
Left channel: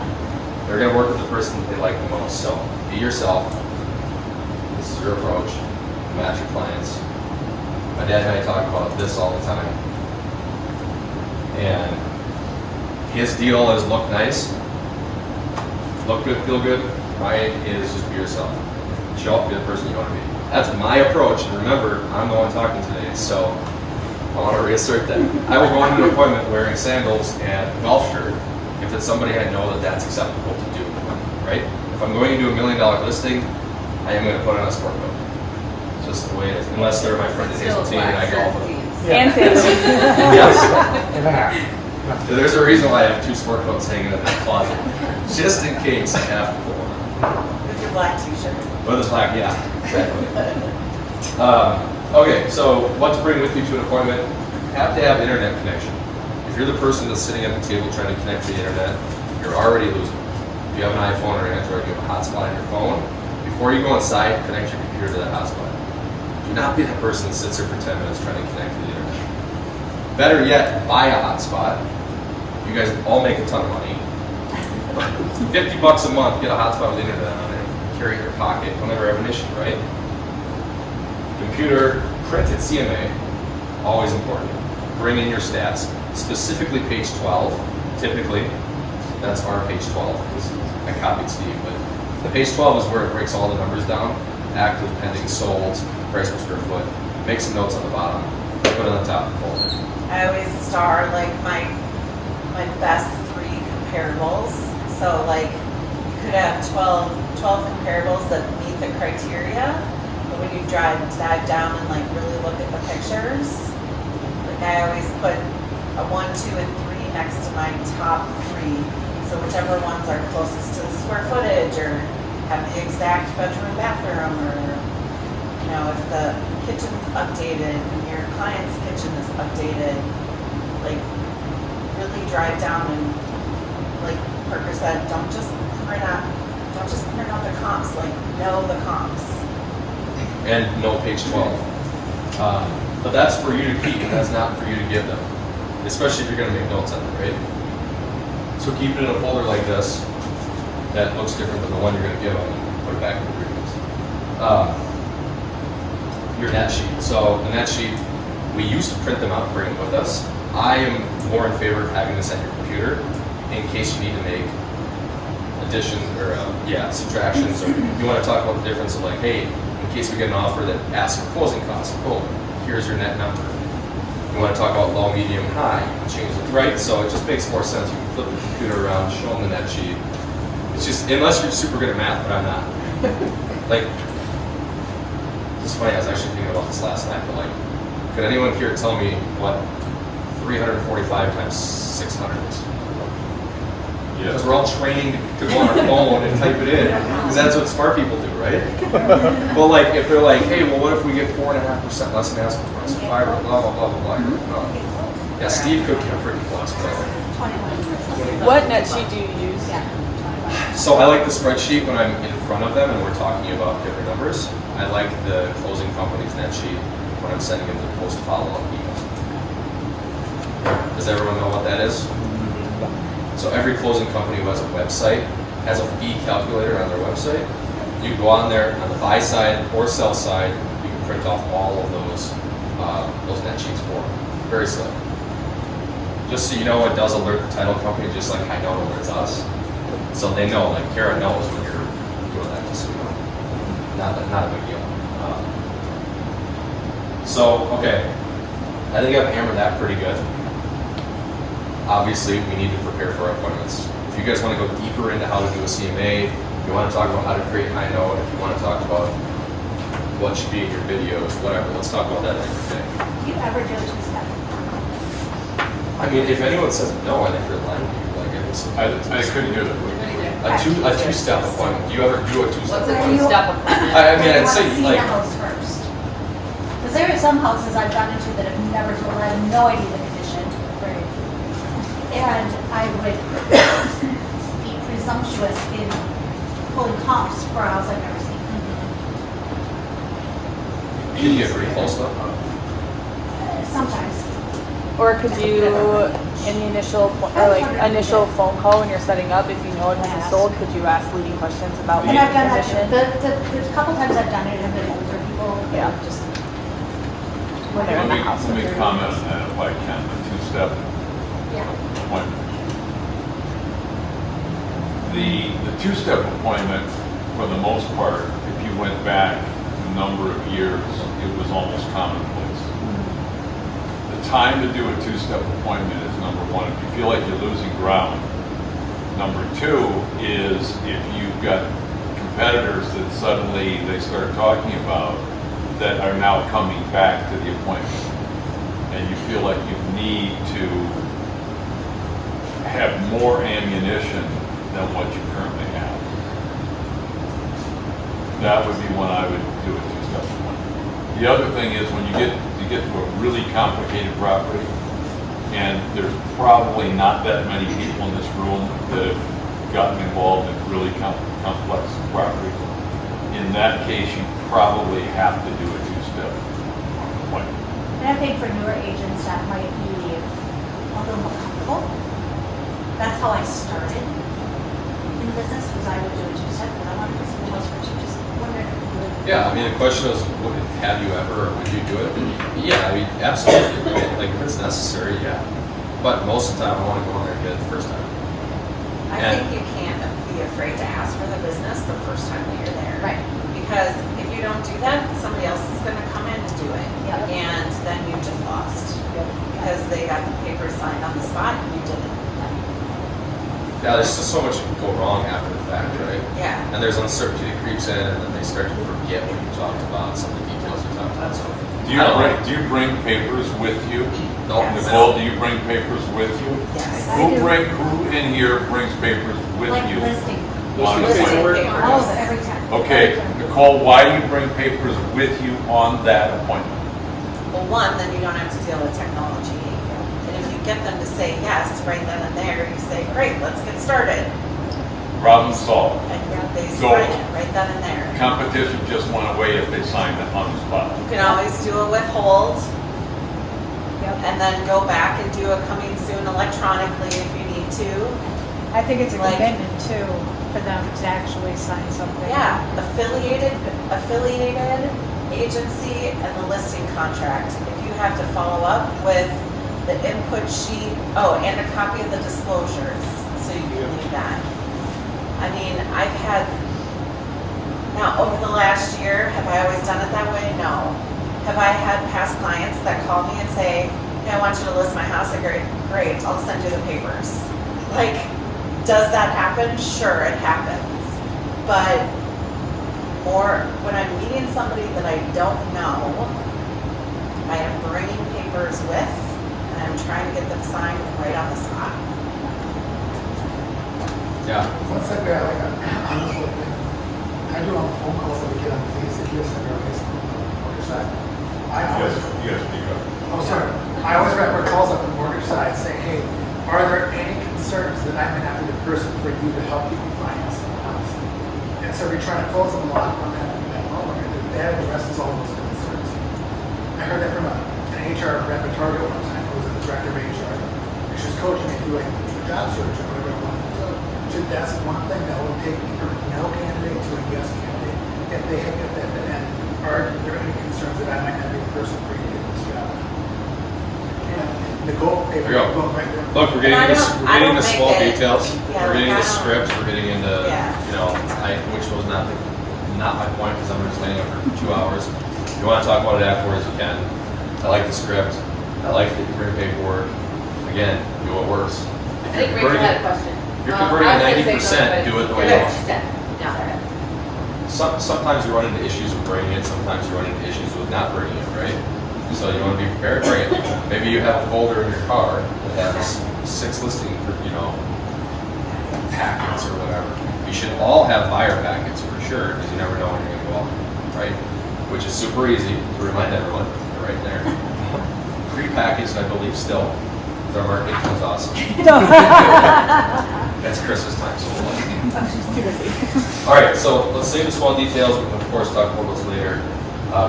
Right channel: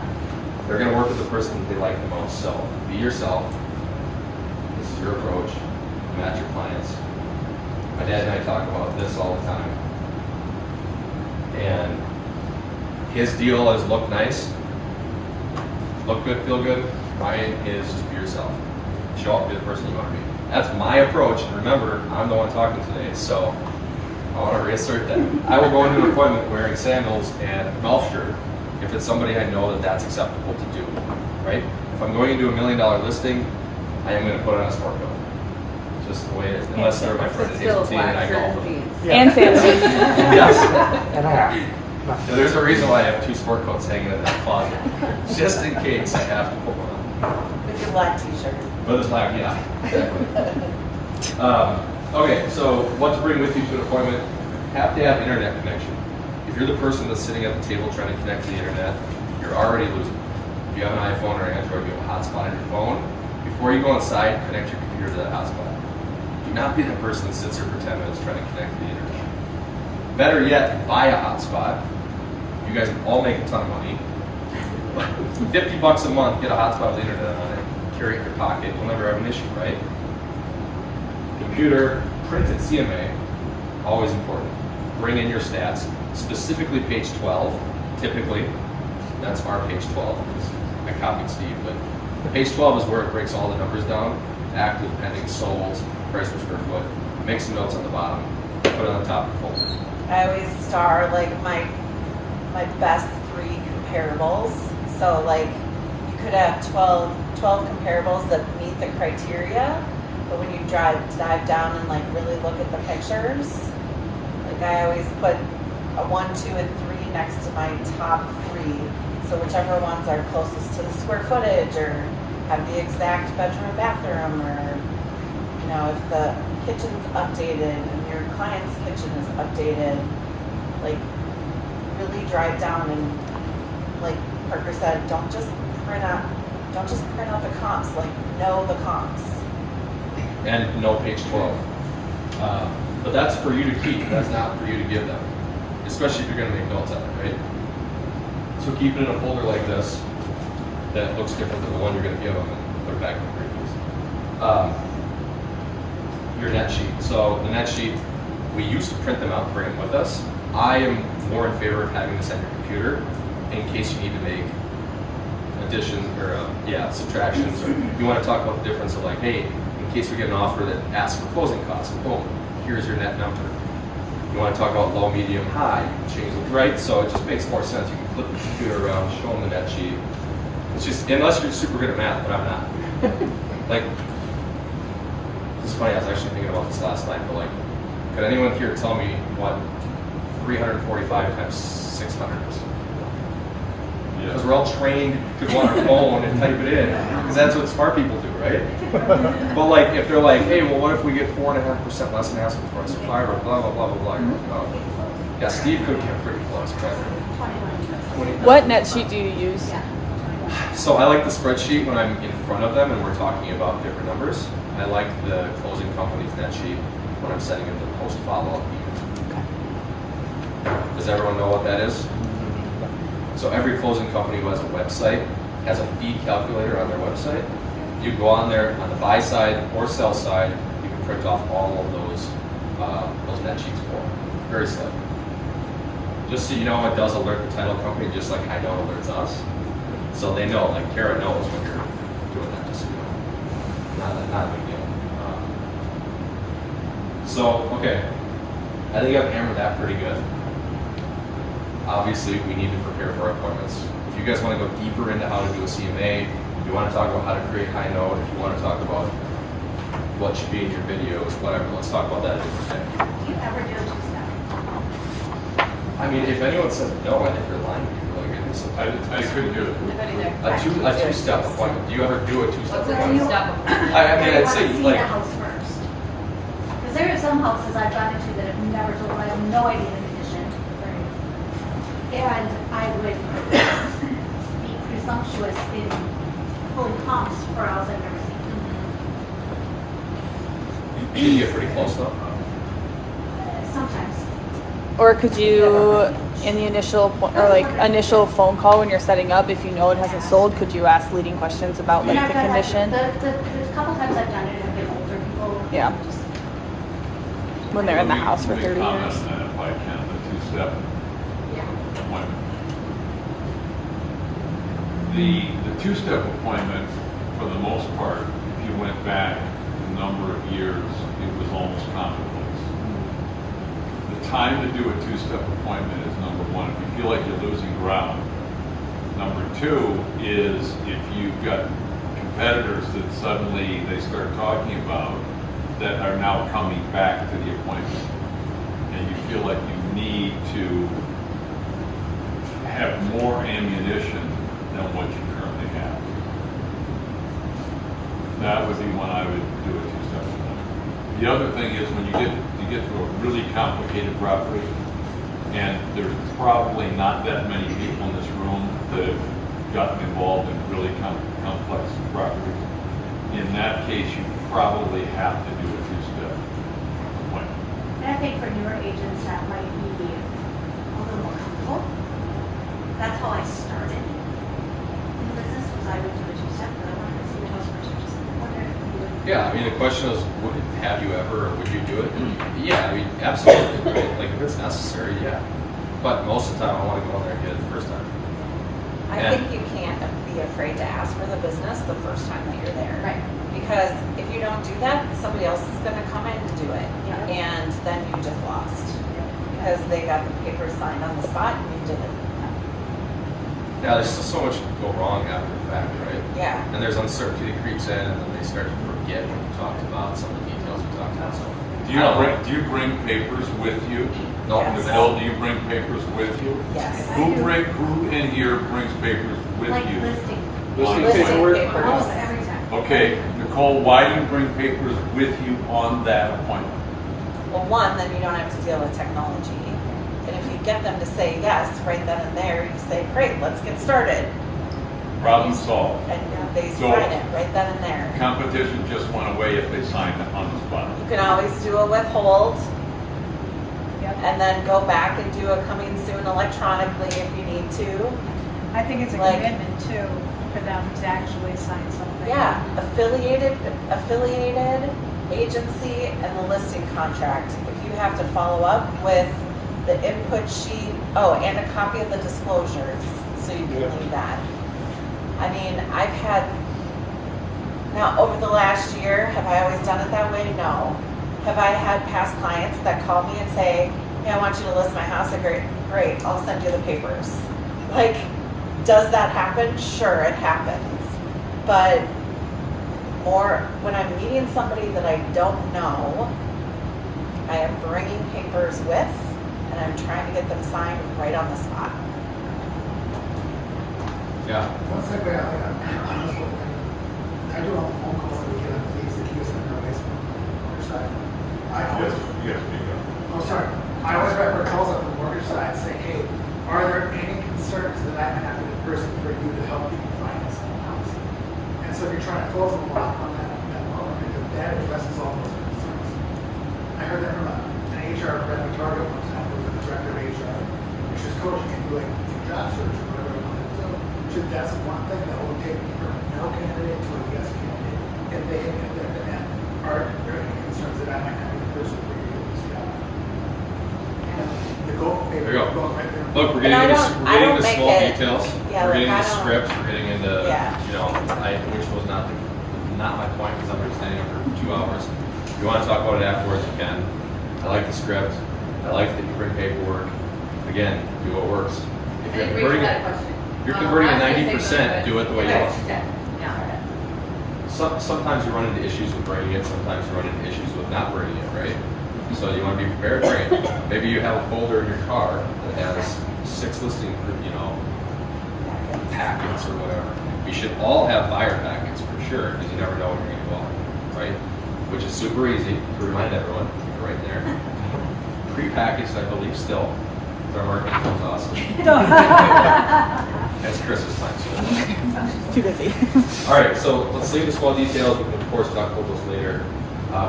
They're going to work with the person that they like the most. So be yourself. This is your approach. Match your clients. My dad and I talk about this all the time. And his deal is look nice, look good, feel good. Mine is just be yourself. Show up, be the person you want to be. That's my approach. And remember, I'm the one talking today, so I want to reassert that. I will go into an appointment wearing sandals and a golf shirt if it's somebody I know that that's acceptable to do, right? If I'm going into $1 million listing, I am going to put on a sport coat. It's just the way it is, unless they're my friend at Hazeltine and I golf with them. And sandals. Yes. There's a reason why I have 2 sport coats hanging in that closet, just in case I have to put one on. With your black t-shirt. With a black, yeah, exactly. Okay, so what to bring with you to an appointment? Have to have internet connection. If you're the person that's sitting at the table trying to connect to the internet, you're already losing. If you have an iPhone or Android, you have a hotspot on your phone. Before you go inside, connect your computer to that hotspot. Do not be the person that sits there for 10 minutes trying to connect to the internet. Better yet, buy a hotspot. You guys all make a ton of money. $50 a month, get a hotspot with internet on it, carry it in your pocket, you'll never have an issue, right? Computer, printed CMA, always important. Bring in your stats, specifically page 12, typically. That's our page 12, because I copied Steve, but the page 12 is where it breaks all the numbers down. Active, pending, solds, price per square foot. Make some notes on the bottom, put it on the top of the folder. I always star like my best 3 comparables. So like you could have 12 comparables that meet the criteria, but when you dive down and like really look at the pictures, like I always put a 1, 2, and 3 next to my top 3. So whichever ones are closest to the square footage or have the exact bedroom, bathroom, or you know, if the kitchen's updated and your client's kitchen is updated, like really drive down and like Parker said, don't just print out the comps, like know the comps. And no page 12. But that's for you to keep, that's not for you to give them. Especially if you're gonna make notes on it, right? So keep it in a folder like this that looks different than the one you're gonna give them and put it back in the previous. Your net sheet. So the net sheet, we used to print them out and bring them with us. I am more in favor of having this at your computer in case you need to make additions or subtractions, or you want to talk about the difference of like, hey, in case we get an offer that asks for closing costs, cool, here's your net number. You want to talk about low, medium, high, you can change it, right? So it just makes more sense. You can flip the computer around, show them the net sheet. It's just, unless you're super good at math, but I'm not. Like, it's funny, I was actually thinking about this last night, but like, could anyone here tell me what 345 times 600 is? Because we're all trained to go on our phone and type it in, because that's what smart people do, right? But like, if they're like, hey, well, what if we get 4.5% less than asking price, 5 or blah blah blah blah blah. No. Yeah, Steve could get pretty close, whatever. What net sheet do you use? So I like the spreadsheet when I'm in front of them and we're talking about different numbers. I like the closing company's net sheet when I'm sending them the post follow-up email. Does everyone know what that is? So every closing company who has a website has a fee calculator on their website. You go on there on the buy side or sell side, you can print off all of those net sheets for them. Very slick. Just so you know, it does alert the title company just like High Note alerts us. So they know, like Kara knows when you're doing that, just so you know. Not a big deal. Okay. I think I've hammered that pretty good. Obviously, we need to prepare for our appointments. If you guys want to go deeper into how to do a CMA, if you want to talk about how to create High Note, if you want to talk about what should be in your videos, whatever, let's talk about that a different day. Do you ever do a two-step? I mean, if anyone says no, I think they're lying to you. Like, I think so. I couldn't hear that. A two-step appointment. Do you ever do a two-step What's a appointment? two-step appointment? I mean, I'd You say want to see like, the house first. Because there are some houses I've gone into that have never told, I have no idea the condition. And I would be presumptuous in pulling comps for a house I've never seen. can you get pretty close though? Sometimes. Or could you, in the initial phone call when you're setting up, if you know it hasn't sold, could you ask leading questions about the And I've done that, condition? the couple times I've done it have been older people. Yeah. Just, When they're in the house. Let me comment on that if I can, the two-step yeah. appointment. The two-step appointment, for the most part, if you went back a number of years, it was almost commonplace. The time to do a two-step appointment is number one, if you feel like you're losing ground. Number two is if you've got competitors that suddenly they start talking about that are now coming back to the appointment, and you feel like you need to have more ammunition than what you currently have. That would be when I would do a two-step appointment. The other thing is when you get to a really complicated property, and there's probably not that many people in this room that have gotten involved in really complex properties. In that case, you probably have to do a two-step appointment. And I think for newer agents, that might be a little more comfortable. That's how I started in the business, was I would do a two-step, but I wanted to see the house first, just wondered if you would. Yeah, I mean, the question is, have you ever, or would you do it? Yeah, I mean, absolutely, right? Like, if it's necessary, yeah. But most of the time, I want to go in there and get it the first time. I And- think you can't be afraid to ask for the business the first time that you're there. Right. Because if you don't do that, somebody else is gonna come in and do it. Yep. And then you just lost. Because they got the paper signed on the spot and you didn't. Yeah, there's just so much can go wrong after the fact, right? Yeah. And there's uncertainty that creeps in, and then they start to forget what you talked about, some of the details you talked about. So, I don't know. Do you bring papers with you? Nope. Yes. Bill, do you bring papers with you? Yes. Who in here brings papers with Like you? listing. On the Listing appointment? papers. Oh, every time. Okay, Nicole, why do you bring papers with you on that appointment? Well, one, then you don't have to deal with technology. And if you get them to say yes right then and there, you say, great, let's get started. Problem solved. And they Go. sign it right then and there. Competition just went away if they signed it on the spot. You can always do a withhold Yep. and then go back and do a coming soon electronically if you need to. I think it's a Like- commitment too, for them to actually sign something. Yeah, affiliated agency and the listing contract. If you have to follow up with the input sheet, oh, and a copy of the disclosures, so you can do that. I mean, I've had, now over the last year, have I always done it that way? No. Have I had past clients that call me and say, hey, I want you to list my house? I go, great, I'll send you the papers. Like, does that happen? Sure, it happens. But more, when I'm meeting somebody that I don't know, I am bringing papers with, and I'm trying to get them signed right on the spot. Yeah. What's that guy like? I was hoping, I do all the phone calls that get on police if you're sitting there based on your side. Yes, speak up. Oh, sorry. I always write my calls up on the mortgage side saying, hey, are there any concerns that I can have with the person for you to help you refinance the house? And so we're trying to close them a lot on that. That addresses all those concerns. I heard that from an HR rep, a target representative who was the director of HR. And she's coaching me through like job search or whatever. So that's one thing that will take me from a no candidate to a yes candidate. If they have and are there any concerns that I might not be the person for you to do this job? And the goal paper, There you go. look right there. Look, we're getting And I into don't- we're I getting don't into make small it- details. yeah, We're getting like, into I don't- scripts. We're getting into Yeah. you know, which was not my point because I'm understanding it for 2 hours. If you want to talk about it afterwards, you can. I like the script. I like that you bring paperwork. Again, do what works. I If think you're Rachel converting had a it, question. if you're converting I at was gonna say 90%, something, do it the way but- you want. No. Sometimes you run into issues with bringing it. Sometimes you run into issues with not bringing it, right? So you want to be prepared, bring it. Maybe you have a folder in your car that has 6 listing, packets or whatever. You should all have buyer packets for sure, because you never know when you're going to go out, right? Which is super easy to remind everyone. They're right there. Pre-packaged, I believe, still. The marketing comes awesome. That's Chris's time, so we'll let She's too busy. all right, so let's save the small details. We can, of course, talk about those later.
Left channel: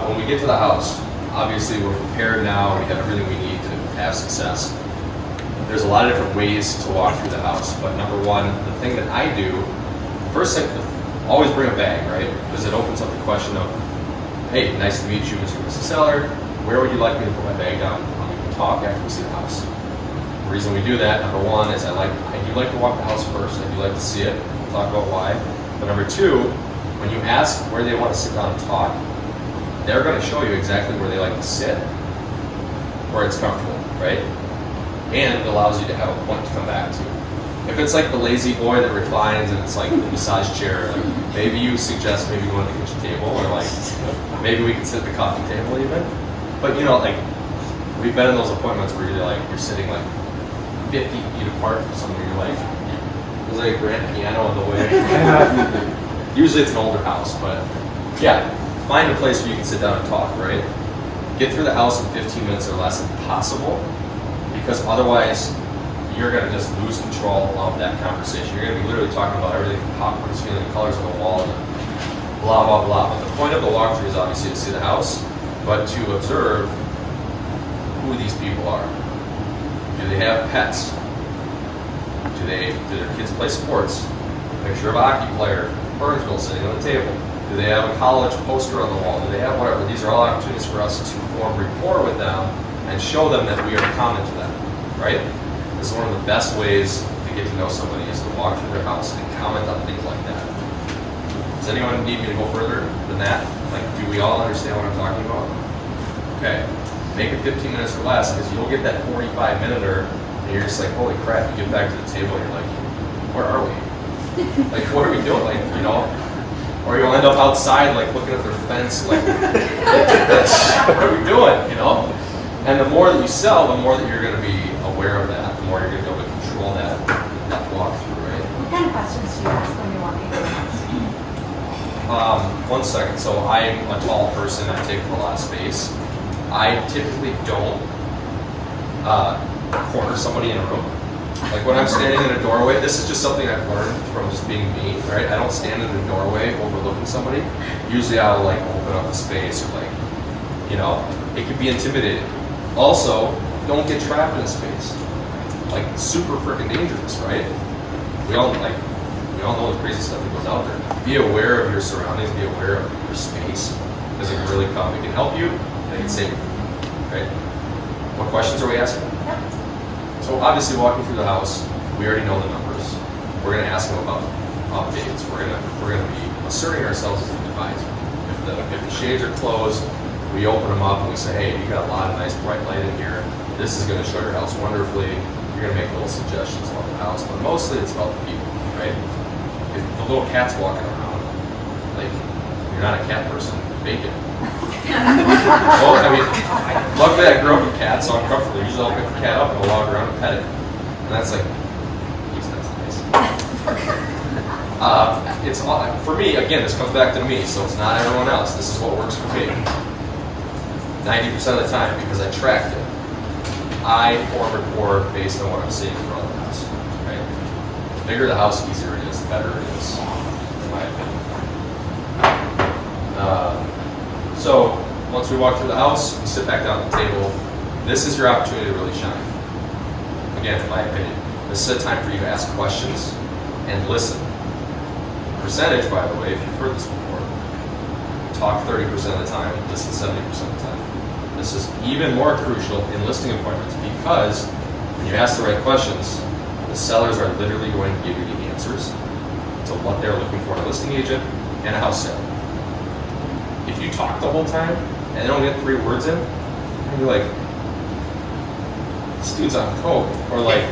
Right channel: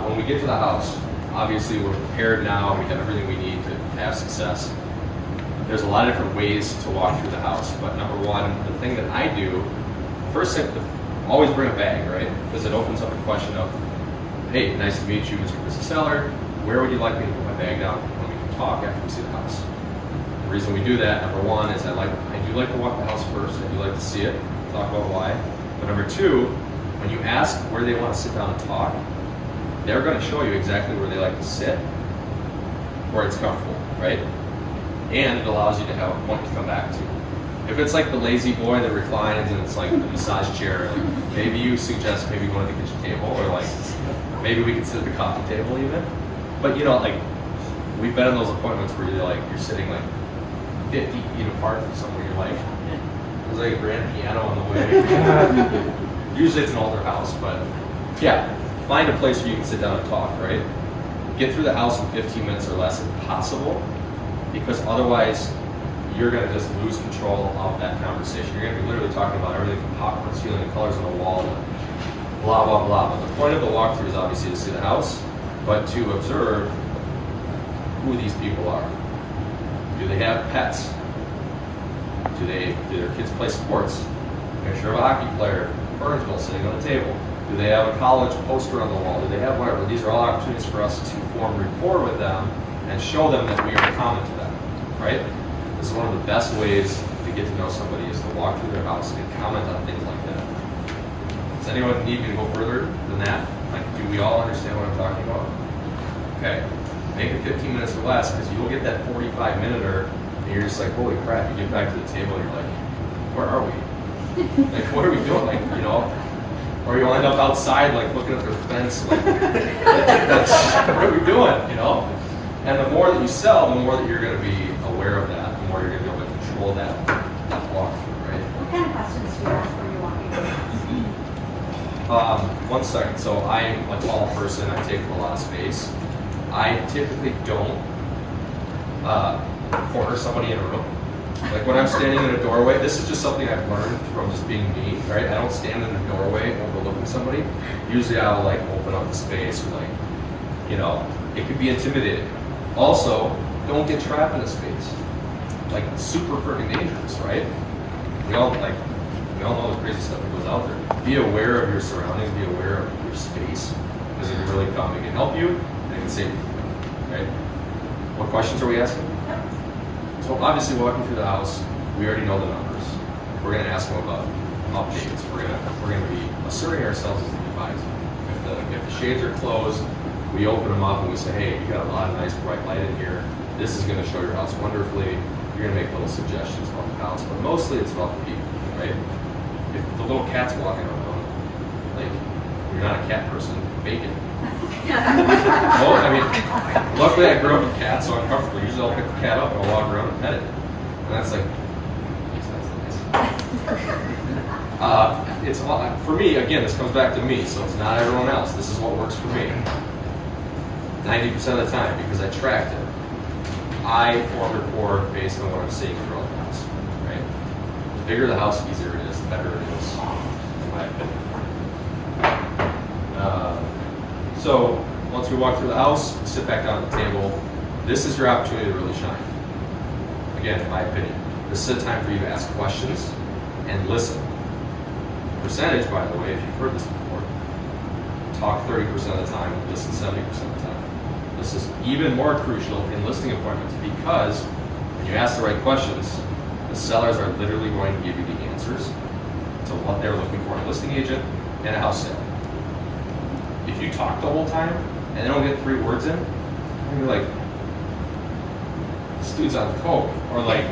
When we get to the house, obviously we're prepared now. We have everything we need to have success. There's a lot of different ways to walk through the house, but number one, the thing that I do, first thing, always bring a bag, right? Because it opens up the question of, hey, nice to meet you, Mr. and Mrs. Seller. Where would you like me to put my bag down when we can talk after we see the house? The reason we do that, number one, is I do like to walk the house first. I do like to see it. We'll talk about why. But number two, when you ask where they want to sit down and talk, they're going to show you exactly where they like to sit, where it's comfortable, right? And it allows you to have a point to come back to. If it's like the lazy boy that reclines and it's like the massage chair, like maybe you suggest maybe going to the kitchen table, or like maybe we could sit at the coffee table even. But you know, like we've been in those appointments where you're sitting like 50 feet apart from someone. You're like, there's like a grand piano on the way. Usually it's an older house, but yeah, find a place where you can sit down and talk, right? Get through the house in 15 minutes or less if possible, because otherwise you're going to just lose control of that conversation. You're going to be literally talking about everything from popcorn ceiling, colors on the wall, and blah, blah, blah. But the point of the walkthrough is obviously to see the house, but to observe who these people are. Do they have pets? Do their kids play sports? Picture of a hockey player, Burnsville sitting on the table. Do they have a college poster on the wall? Do they have whatever? These are all opportunities for us to form rapport with them and show them that we are common to them, right? This is one of the best ways to get to know somebody is to walk through their house and comment on things like that. Does anyone need me to go further than that? Like, do we all understand what I'm talking about? Okay, make it 15 minutes or less, because you'll get that 45-minuter, and you're just like, holy crap, you get back to the table and you're like, where are we? Like, what are we doing? Like, you know, or you'll end up outside, like, looking at their fence, like, what are we doing, you know? And the more that you sell, the more that you're going to be aware of that, the more you're going to be able to control that walkthrough, right? What kind of questions do you ask when you walk into the house? 1 second. So I'm a tall person. I take up a lot of space. I typically don't corner somebody in a room. Like when I'm standing in a doorway, this is just something I've learned from just being me, right? I don't stand in a doorway overlooking somebody. Usually I'll like open up the space or like, you know, it could be intimidating. Also, don't get trapped in a space. Like super freaking dangerous, right? We all know the crazy stuff that goes out there. Be aware of your surroundings, be aware of your space, because it can really come. It can help you, and it can save you, right? What questions are we asking? Yep. So obviously walking through the house, we already know the numbers. We're gonna ask them about updates. We're gonna be asserting ourselves as an advisor. If the shades are closed, we open them up and we say, hey, you got a lot of nice bright light in here. This is gonna show your house wonderfully. You're gonna make little suggestions about the house, but mostly it's about the people, right? If the little cat's walking around, like, you're not a cat person, fake it. Well, I mean, luckily I grew up with cats, so I'm comfortable. Usually I'll pick the cat up and I'll walk around and pet it. And that's like, that's nice. It's all, for me, again, this comes back to me, so it's not everyone else. This is what works for me. 90% of the time, because I tracked it. I form rapport based on what I'm seeing throughout the house, right? The bigger the house, easier it is, the better it is, in my opinion. So once we walk through the house, we sit back down at the table. This is your opportunity to really shine. Again, in my opinion, this is a time for you to ask questions and listen. Percentage, by the way, if you've heard this before, talk 30% of the time, listen 70% of the time. This is even more crucial in listing appointments because when you ask the right questions, the sellers are literally going to give you the answers to what they're looking for in a listing agent and a house sale. If you talk the whole time and they don't get 3 words in, you're gonna be like, this dude's on coke, or like,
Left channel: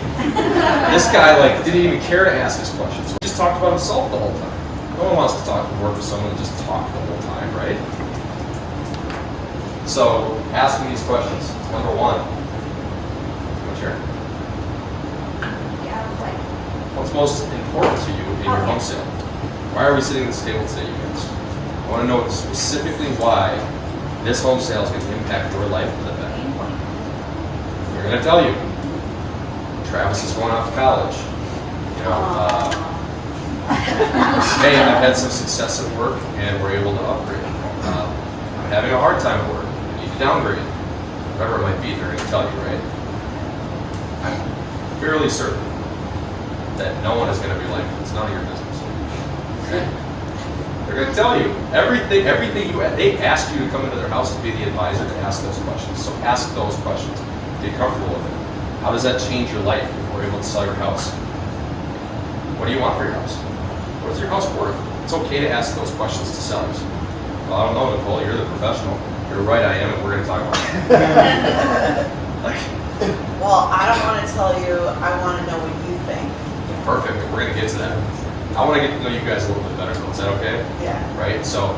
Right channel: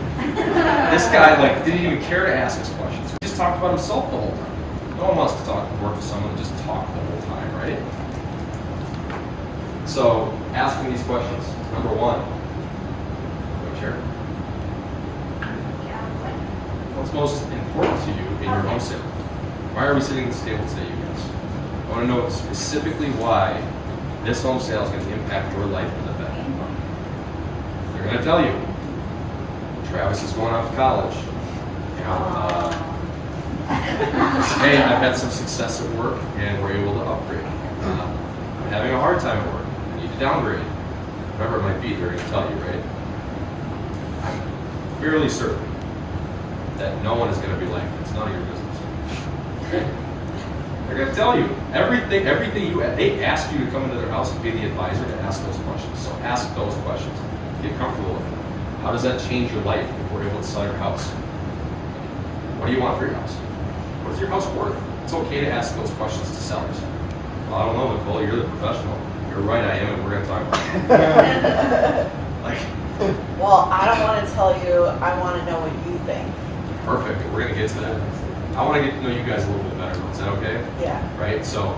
this guy like didn't even care to ask us questions. He just talked about himself the whole time. No one wants to work with someone that just talk the whole time, right? So asking these questions, number 1. Go share. What's most important to you in your home sale? Why are we sitting at this table today, you guys? I want to know specifically why this home sale is going to impact your life for the better. They're going to tell you. Travis is going off to college. You know, hey, I've had some success at work and we're able to upgrade. I'm having a hard time at work. I need to downgrade. Whatever it might be, they're going to tell you, right? I'm fairly certain that no one is going to be like, it's none of your business. Okay? They're going to tell you everything they ask you to come into their house to be the advisor to ask those questions. So ask those questions. Get comfortable with it. How does that change your life if we're able to sell your house? What do you want for your house? What is your house worth? It's okay to ask those questions to sellers. Well, I don't know, Nicole, you're the professional. You're right, I am, and we're going to talk about it. Well, I don't want to tell you, I want to know what you think. Perfect, we're going to get to that. I want to get to know you guys a little bit better, though. Is that okay? Yeah. Right? So,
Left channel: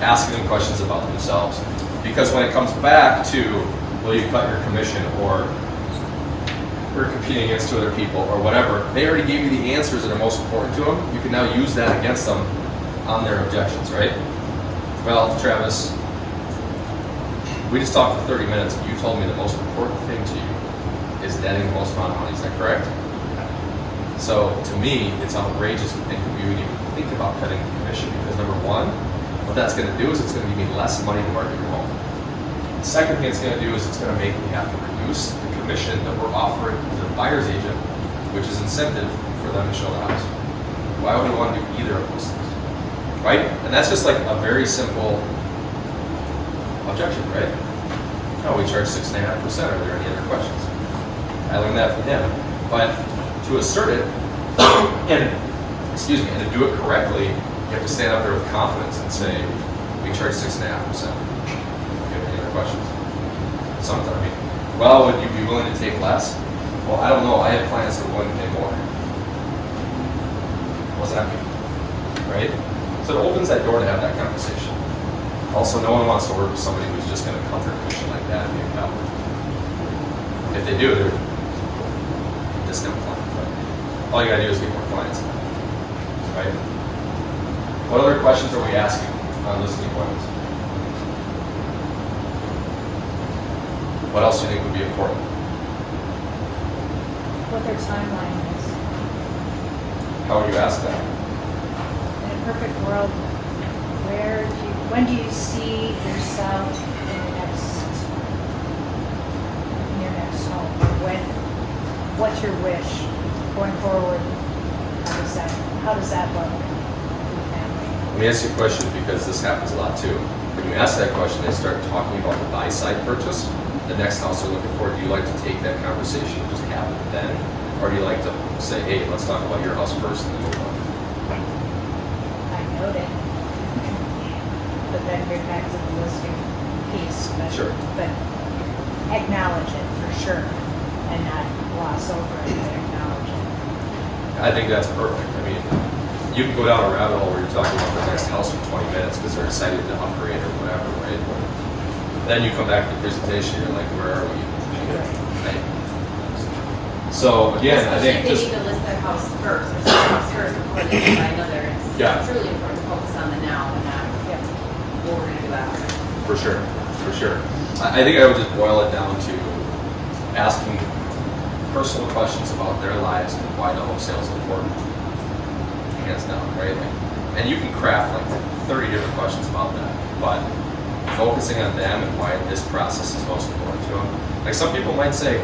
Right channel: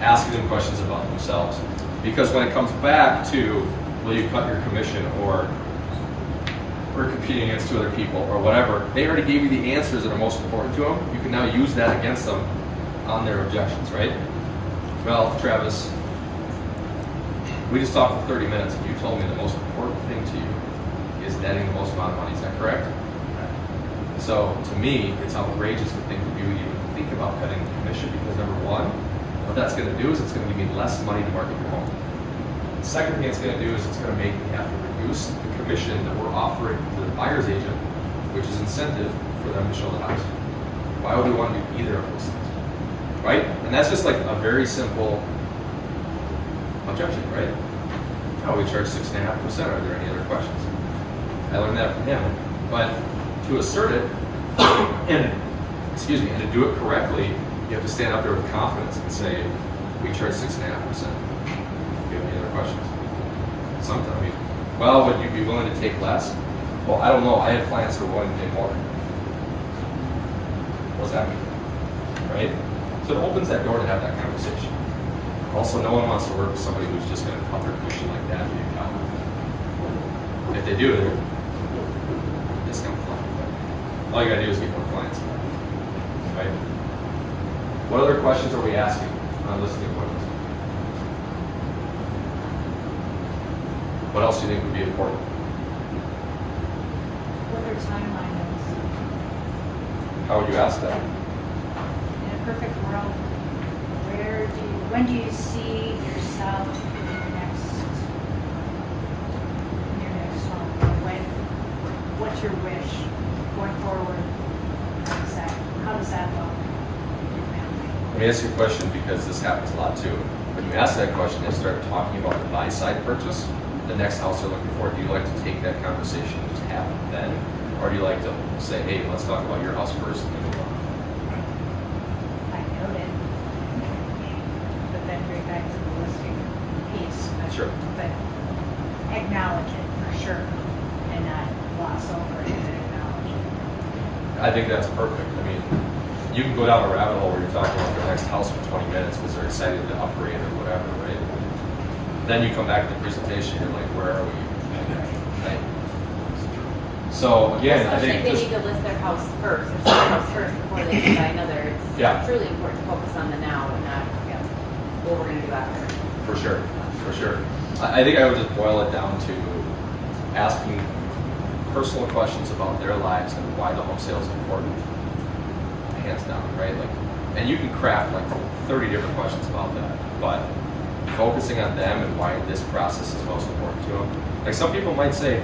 asking them questions about themselves. Because when it comes back to, will you cut your commission, or we're competing against 2 other people, or whatever, they already gave you the answers that are most important to them. You can now use that against them on their objections, right? Well, Travis, We just talked for 30 minutes, and you told me the most important thing to you is netting the most amount of money. Is that correct? So to me, it's outrageous to think that we would even think about cutting the commission because number one, what that's going to do is it's going to give me less money to market your home. The second thing it's going to do is it's going to make me have to reduce the commission that we're offering to the buyer's agent, which is incentive for them to show the house. Why would we want to do either of those things? Right? And that's just like a very simple objection, right? No, we charge 6.5%. Are there any other questions? I learned that from him. But to assert it, and to do it correctly, you have to stand up there with confidence and say, we charge 6.5%. Do you have any other questions? Sometimes, I mean, well, would you be willing to take less? Well, I don't know. I have clients that are willing to pay more. What does that mean? Right? So it opens that door to have that conversation. Also, no one wants to work with somebody who's just going to cut their commission like that and be a coward. If they do, they're a discount client. But all you got to do is get more clients. Right? What other questions are we asking on listing appointments? What else do you think would be important? What their timeline How would you ask that? is. In a perfect world, when do you see yourself in your next home? Or what's your wish going forward? How does that look? Let me ask you a question because this happens a lot too. When you ask that question, they start talking about the buy side purchase, the next house they're looking for. Do you like to take that conversation and just have it then? Or do you like to say, hey, let's talk about your house first and then move on? I note it. But then bring back to the listing piece. But, Sure. But acknowledge it for sure and not gloss over it, but acknowledge it. I think that's perfect. I mean, you can go down a rabbit hole where you're talking about the next house for 20 minutes because they're excited to upgrade or whatever, right? Then you come back to the presentation, you're like, where are we? Right? So again, I think Especially just if they need to list their house first, or their house first before they decide whether it's Yeah. truly important to focus on the now and not what we're going to do after. for sure. I think I would just boil it down to asking personal questions about their lives and why the home sale is important. Hands down, right? Like, and you can craft like 30 different questions about that, but focusing on them and why this process is most important to them. Like some people might say,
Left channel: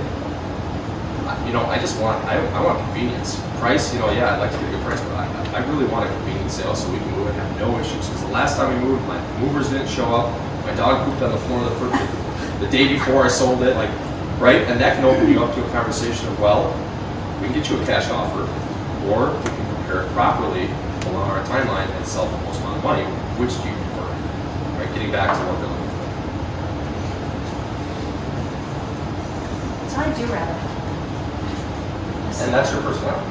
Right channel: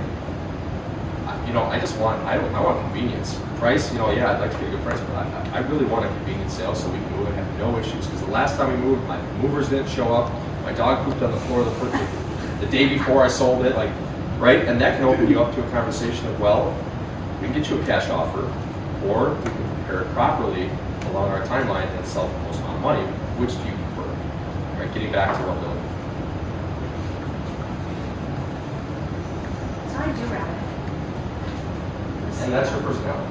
I want convenience. Price, I'd like to get a good price, but I really want a convenient sale so we can move and have no issues. Because the last time we moved, my movers didn't show up. My dog pooped on the floor the day before I sold it, right? And that can open you up to a conversation of, well, we can get you a cash offer, or we can prepare it properly along our timeline and sell for the most amount of money. Which do you prefer? Right? Getting back to what they're looking for. So I do rather. And that's your personality.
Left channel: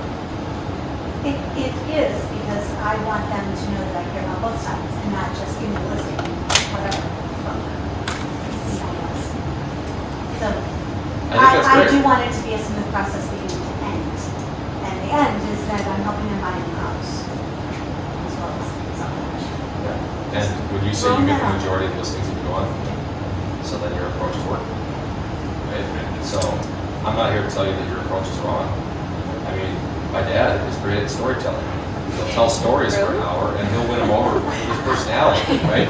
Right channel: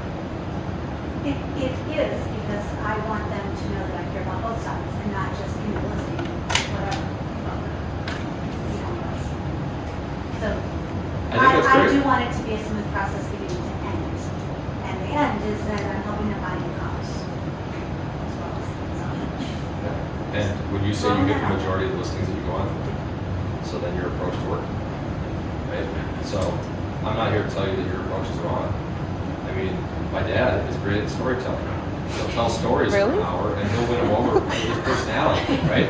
It is, because I want them to know that I care about both sides and not just give me the listing, whatever. So I think that's great. I do want it to be a smooth process beginning to end. And the end is that I'm helping them buy a new house as well as selling. Yeah. And would you say you get the majority of the listings that you go on? So then your approach is working, right? So I'm not here to tell you that your approach is wrong. I mean, my dad is great at storytelling. He'll tell stories for an hour and he'll win them over with his personality, right?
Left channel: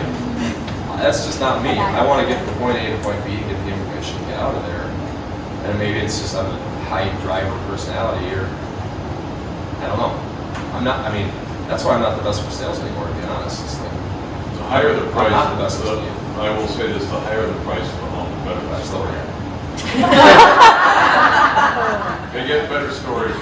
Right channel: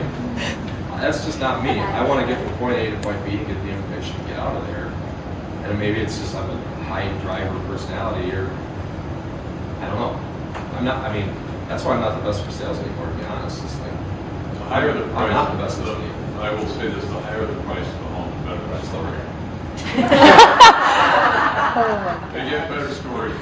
That's just not me. I want to get from point A to point B, get the information, get out of there. And maybe it's just I'm a high driver personality, or I don't know. That's why I'm not the best for sales anymore, to be honest. It's like, The higher the price, I'm not the best at it. I will say this, the higher the price of the home, the better. That's the way. They get better stories.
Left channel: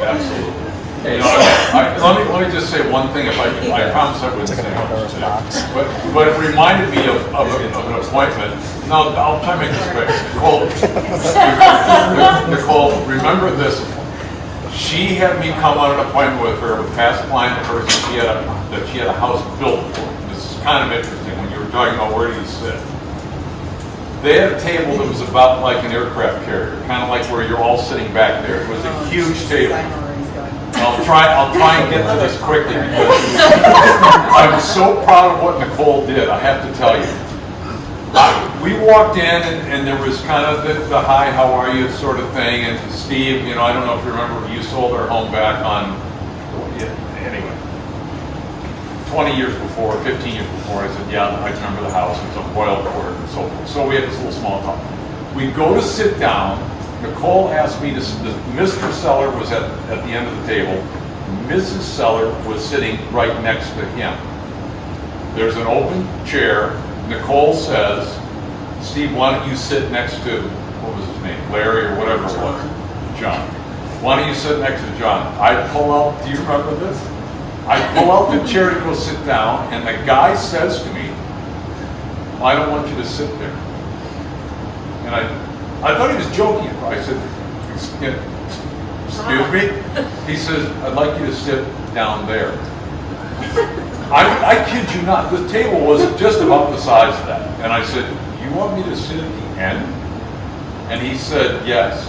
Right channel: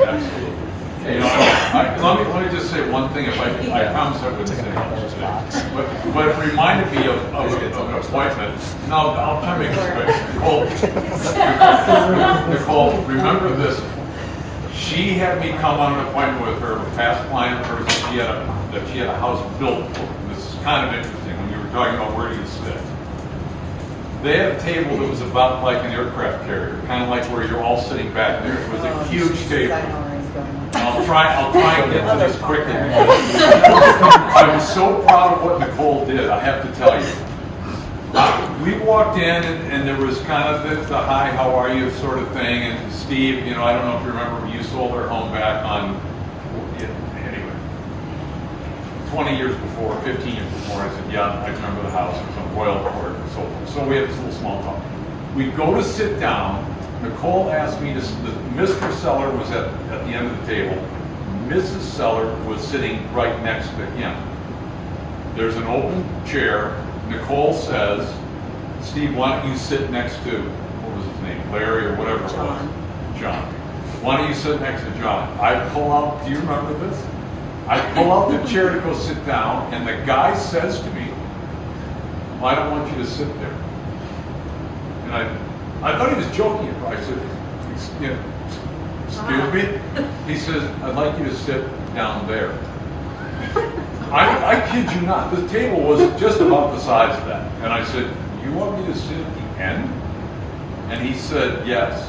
Absolutely. Okay, Let me just say one thing, if I promise I wouldn't say much today. But it reminded me of an appointment. No, I'll try to make this quick. Nicole, remember this. She had me come on an appointment with her, a past client of hers, that she had a house built. This is kind of interesting when you were talking about where do you sit. They had a table that was about like an aircraft carrier, kind of like where you're all sitting back there. It was a huge table. I'll try and get to this quickly because I was so proud of what Nicole did, I have to tell you. We walked in and there was kind of the hi, how are you sort of thing, and Steve, you know, I don't know if you remember, you sold our home back on, anyway, 20 years before, 15 years before. I said, yeah, I remember the house, it was on Boyle Court, and so we had this little small talk. We go to sit down, Nicole asked me to, Mr. Seller was at the end of the table, Mrs. Seller was sitting right next to him. There's an open chair. Nicole says, Steve, why don't you sit next to, what was his name, Larry or whatever it was? John. Why don't you sit next to John? I pull out, do you remember this? I pull out the chair to go sit down, and the guy says to me, well, I don't want you to sit there. And I thought he was joking. I said, excuse me? He says, I'd like you to sit down there. I kid you not, the table was just about the size of that. And I said, you want me to sit at the end? And he said, yes.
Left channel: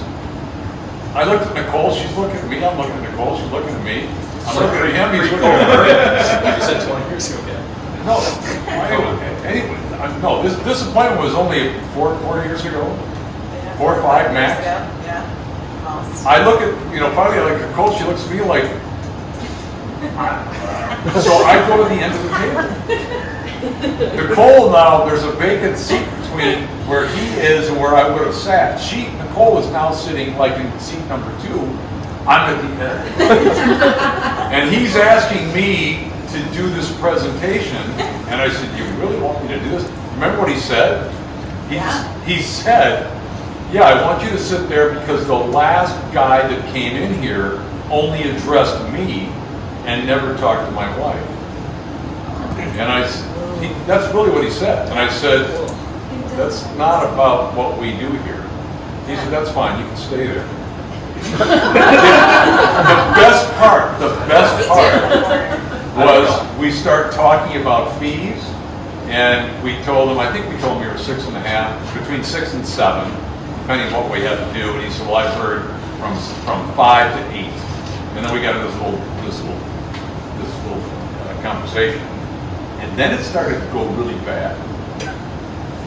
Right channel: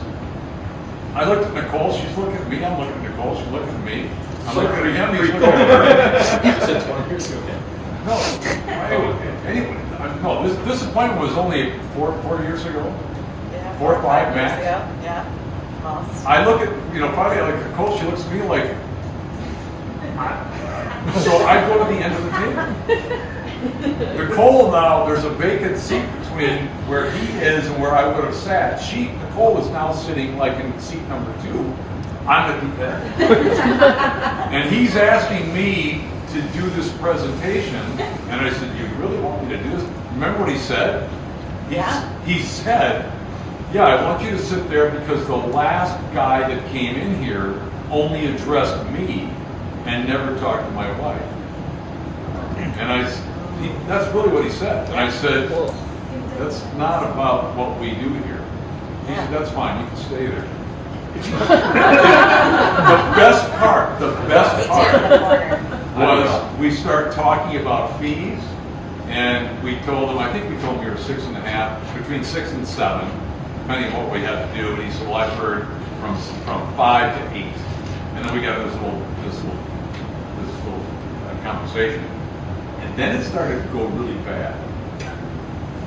I looked at Nicole, she's looking at me, I'm looking at Nicole, she's looking at me. I'm looking at him, he's looking at me. You said 20 years ago, okay. No, anyway, no, this appointment was only four years ago. 4 or 5 max. Yeah. Lost. I look at, finally I look at Nicole, she looks at me like, so I go to the end of the table. Nicole now, there's a vacant seat between where he is and where I would have sat. Nicole is now sitting like in seat number 2. I'm at the end. And he's asking me to do this presentation. And I said, you really want me to do this? Remember what he said? He said, yeah, I want you to sit there because the last guy that came in here only addressed me and never talked to my wife. And that's really what he said. And I said, that's not about what we do here. He said, that's fine, you can stay there. The best part was we start talking about fees, and we told him, I think we told him we were 6.5, between 6 and 7, depending on what we had to do. And he said, well, I've heard from 5 to 8. And then we got this little conversation. And then it started to go really bad.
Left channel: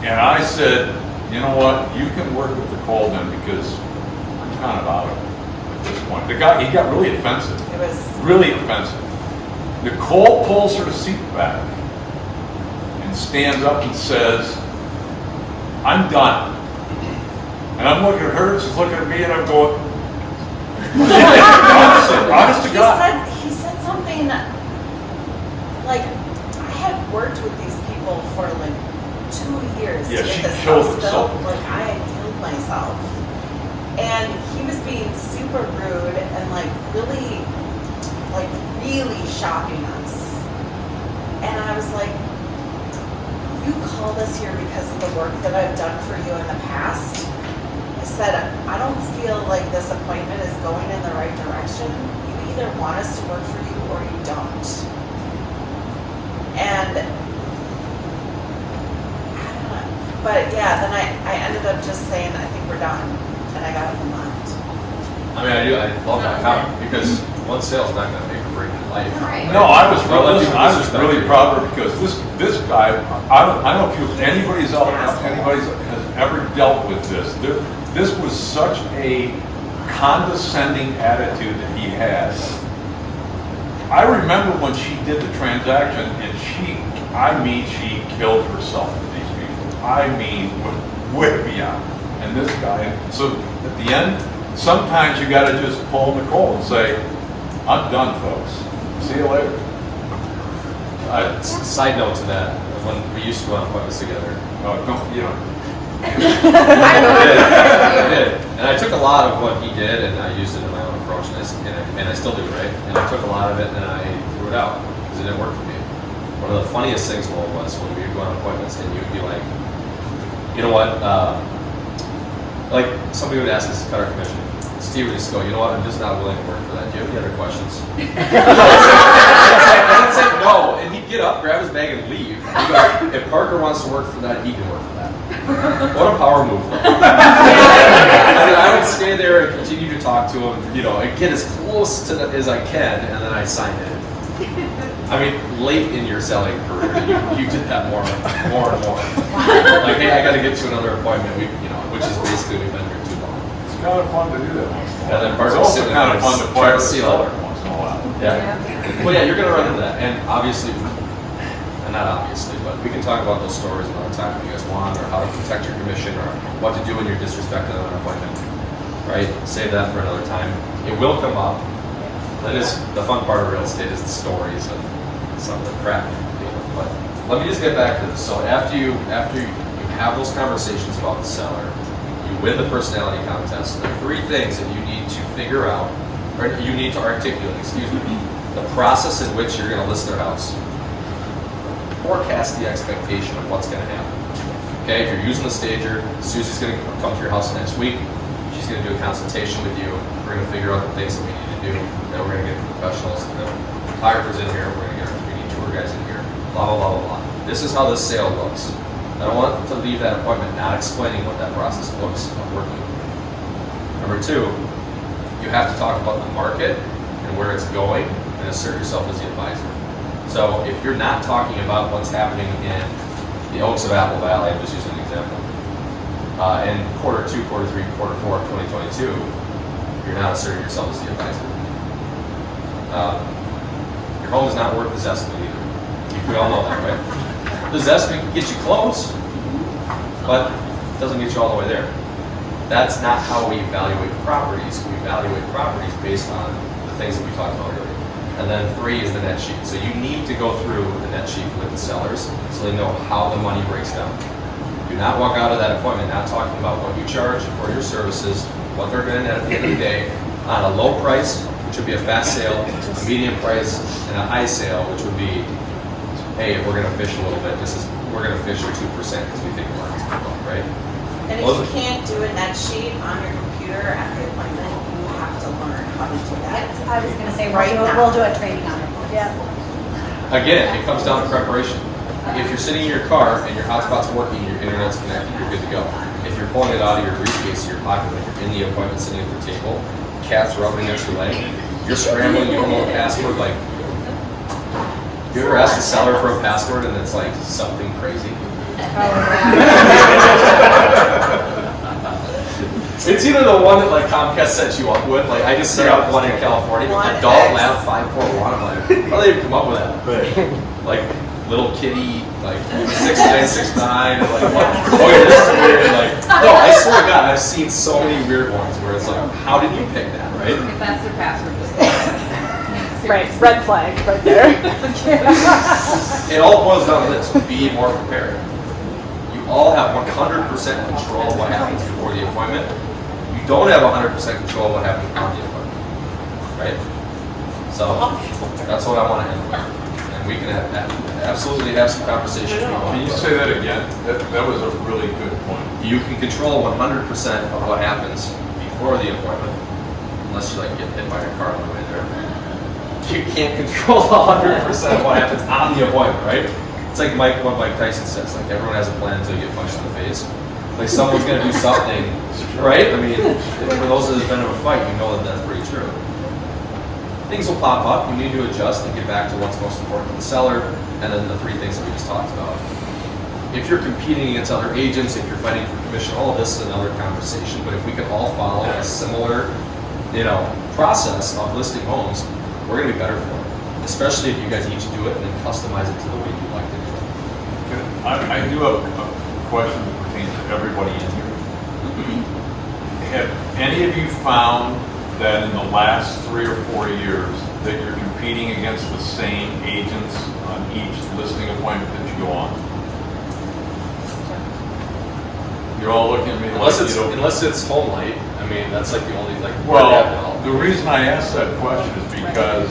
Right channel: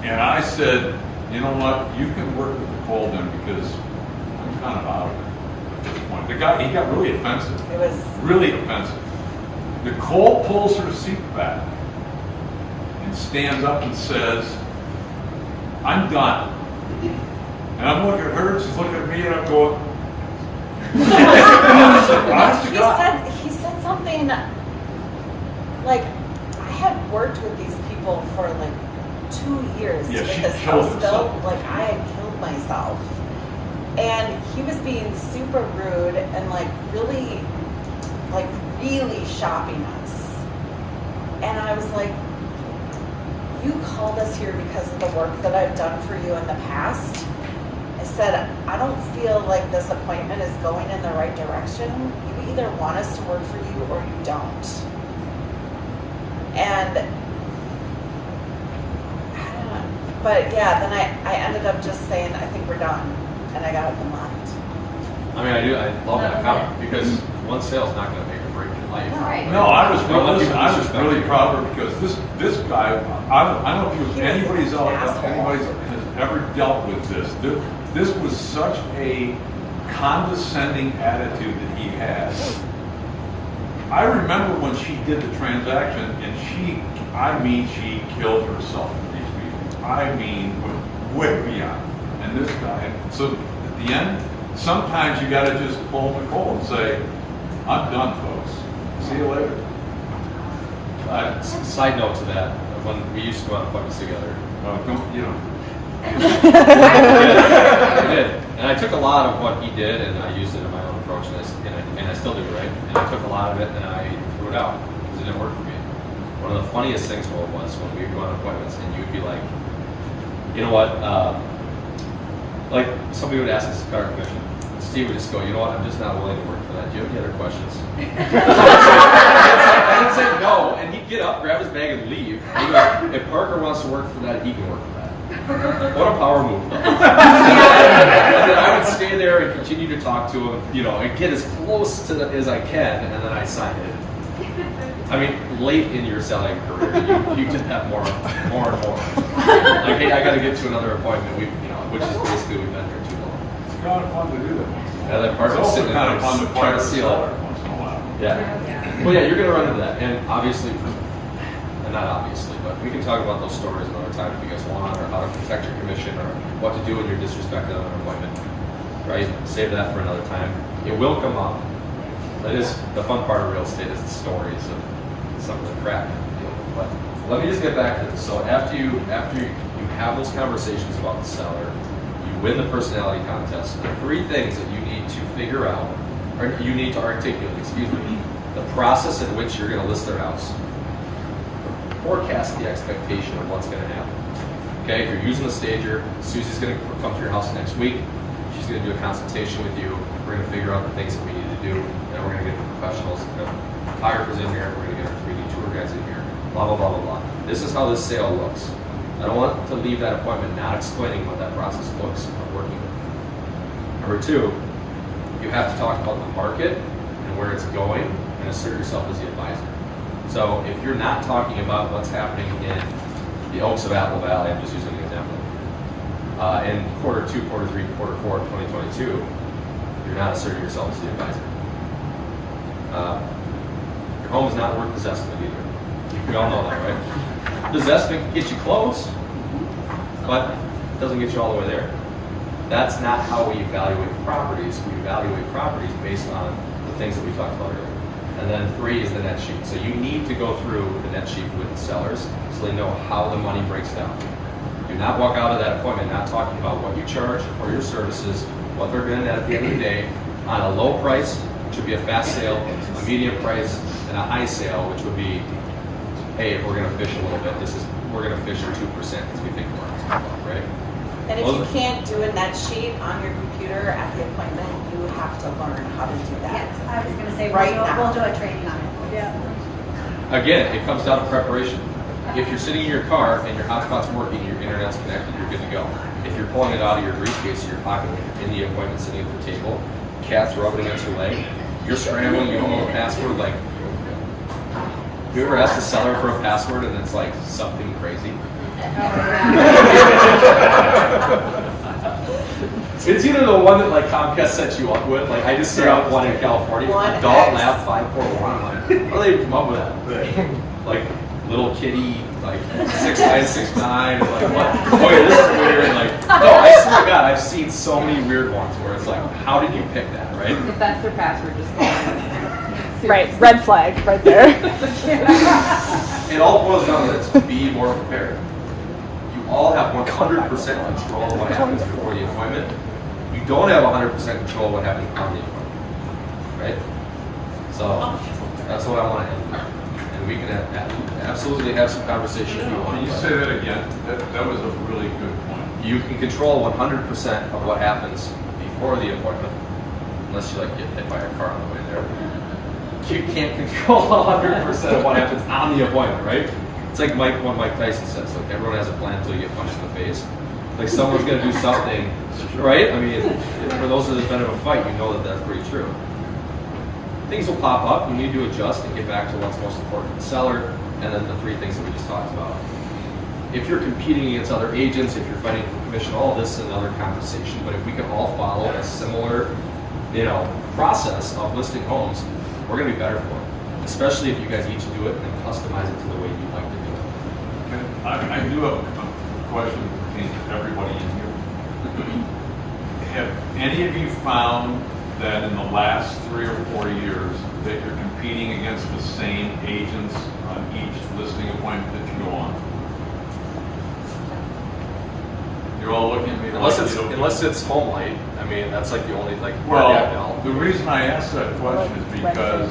And I said, you know what, you can work with Nicole then because I'm kind of out of it at this point. He got really offensive. It was really offensive. Nicole pulls her seat back and stands up and says, I'm done. And I'm looking at her, and she's looking at me, and I'm going, honest to God. He said something like, I had worked with these people for like 2 years Yeah, to she get this killed house herself. built. Like I had killed myself. And he was being super rude and like really shopping us. And I was like, you called us here because of the work that I've done for you in the past. I said, I don't feel like this appointment is going in the right direction. You either want us to work for you or you don't. And, I don't know. But yeah, then I ended up just saying, I think we're done. And I got up and left. I mean, I love that comment because one sale's not going to make or break your life. Right. No, I was Don't let really, people I was disrespect really you. proud of her because this guy, I don't know if anybody's has ever dealt with this. This was such a condescending attitude that he had. I remember when she did the transaction and she killed herself with these people. I mean, way beyond. And this guy, so at the end, sometimes you got to just pull Nicole and say, I'm done, folks. See you later. Side note to that, when we used to go on appointments together, No, don't, I did. And I took a lot of what he did and I used it in my own approach, and I still do, right? And I took a lot of it and I threw it out because it didn't work for me. One of the funniest things was when we would go on appointments and you'd be like, you know what, like somebody would ask us to cut our commission. Steve would just go, you know what, I'm just not willing to work for that. Do you have any other questions? And I'd say no, and he'd get up, grab his bag, and leave. And he goes, if Parker wants to work for that, he can work for that. What a power move, though. And then I would stay there and continue to talk to him, you know, and get as close to as I can, and then I sign it. I mean, late in your selling career, you did that more and more. Like, hey, I got to get to another appointment. Which is basically we've been here too long. It's kind of fun to do that. And then Bart It's was also sitting kind there of fun to trying to play seal it. once in a while. Yeah. Well, yeah, you're going to run into that, and obviously, and not obviously, but we can talk about those stories another time if you guys want, or how to protect your commission, or what to do when you're disrespected on an appointment. Right? Save that for another time. It will come up. That is the fun part of real estate, is the stories of some of the crap you deal with. But let me just get back to this. So after you have those conversations about the seller, you win the personality contest. There are 3 things that you need to figure out, or you need to articulate, the process in which you're going to list their house. Forecast the expectation of what's going to happen. Okay, if you're using a stager, Susie's going to come to your house next week. She's going to do a consultation with you. We're going to figure out the things that we need to do. Then we're going to get the professionals, the photographers in here. We're going to get, we need tour guys in here. Blah, blah, blah, blah, blah. This is how this sale looks. I don't want to leave that appointment not explaining what that process looks of working. Number 2, you have to talk about the market and where it's going and assert yourself as the advisor. So if you're not talking about what's happening in the Oaks of Apple Valley, I'm just using an example, in quarter 2, quarter 3, quarter 4 of 2022, you're not asserting yourself as the advisor. Your home is not worth this estimate either. We all know that, right? This estimate can get you close, but it doesn't get you all the way there. That's not how we evaluate properties. We evaluate properties based on the things that we talked about earlier. And then 3 is the net sheet. So you need to go through the net sheet with the sellers so they know how the money breaks down. Do not walk out of that appointment not talking about what you charge for your services, what they're going to net at the end of the day, on a low price, which would be a fast sale, a medium price, and a high sale, which would be, hey, if we're going to fish a little bit, we're going to fish for 2% because we think the market's going to go up, right? And if you can't do a net sheet on your computer at the appointment, you have to learn how to do that. Yes, I was gonna say, Right now. we'll do a training on it. Yeah. Again, it comes down to preparation. If you're sitting in your car and your hotspot's working, your internet's connected, you're good to go. If you're pulling it out of your briefcase or your pocket when you're in the appointment sitting at the table, cat's rubbing against your leg, you're scrambling, you don't know the password, like, you ever ask the seller for a password and it's like something crazy? It's either the one that like Comcast set you up with, like I just set up one in California, Adult Lab 541. I'm like, how do they even come up with that? Like little kitty, like 6969, or like what? Boy, this is weird. Like, no, I swear to God, I've seen so many weird ones where it's like, how did you pick that, right? If that's the password, just Right, red flag right there. It all boils down to this: be more prepared. You all have 100% control of what happens before the appointment. You don't have 100% control of what happens on the appointment, right? So that's what I want to end with, and we can absolutely have some conversation if you want. Can you say that again? That was a really good point. You can control 100% of what happens before the appointment, unless you like get hit by a car on the way there. You can't control 100% of what happens on the appointment, right? It's like what Mike Tyson says, like everyone has a plan until you get punched in the face. Like someone's gonna do something, right? I mean, for those that have been in a fight, you know that that's pretty true. Things will pop up, you need to adjust and get back to what's most important to the seller, and then the 3 things that we just talked about. If you're competing against other agents, if you're fighting for commission, all of this is another conversation, but if we could all follow a similar, process of listing homes, we're going to be better for it, especially if you guys each do it and then customize it to the way you like to do it. I do have a question that pertains to everybody in here. Have any of you found that in the last 3 or 4 years that you're competing against the same agents on each listing appointment that you go on? You're all looking at me Unless it's home light. I mean, that's like the only Well, the reason I asked that question is because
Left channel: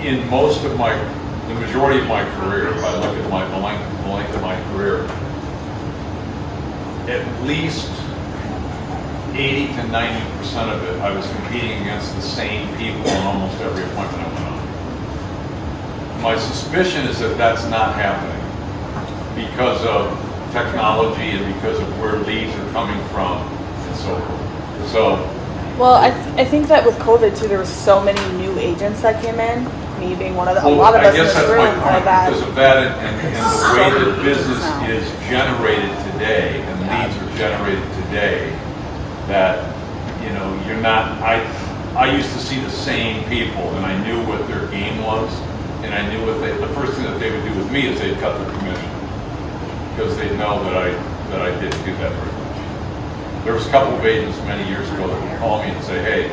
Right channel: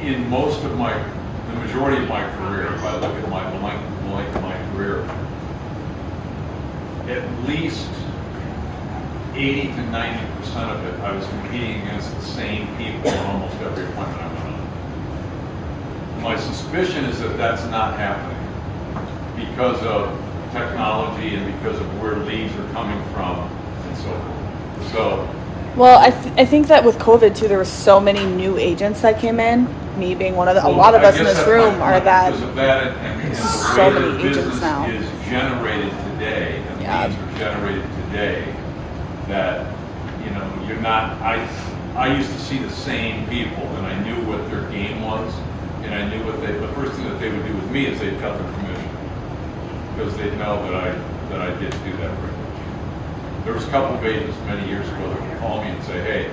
in the majority of my career, if I look at the length of my career, at least 80 to 90% of it, I was competing against the same people in almost every appointment I went on. My suspicion is that that's not happening because of technology and because of where leads are coming from. and so forth. So, Well, I think that with COVID too, there were so many new agents that came in. Me being one of the, a lot of us in this room. Like that. Because of that, and the way that business is generated today, and leads are generated today, that, you know, you're not, I used to see the same people, and I knew what their game was, and I knew the first thing that they would do with me is they'd cut their commission, because they'd know that I didn't do that very much. There was a couple of agents many years ago that would call me and say, hey,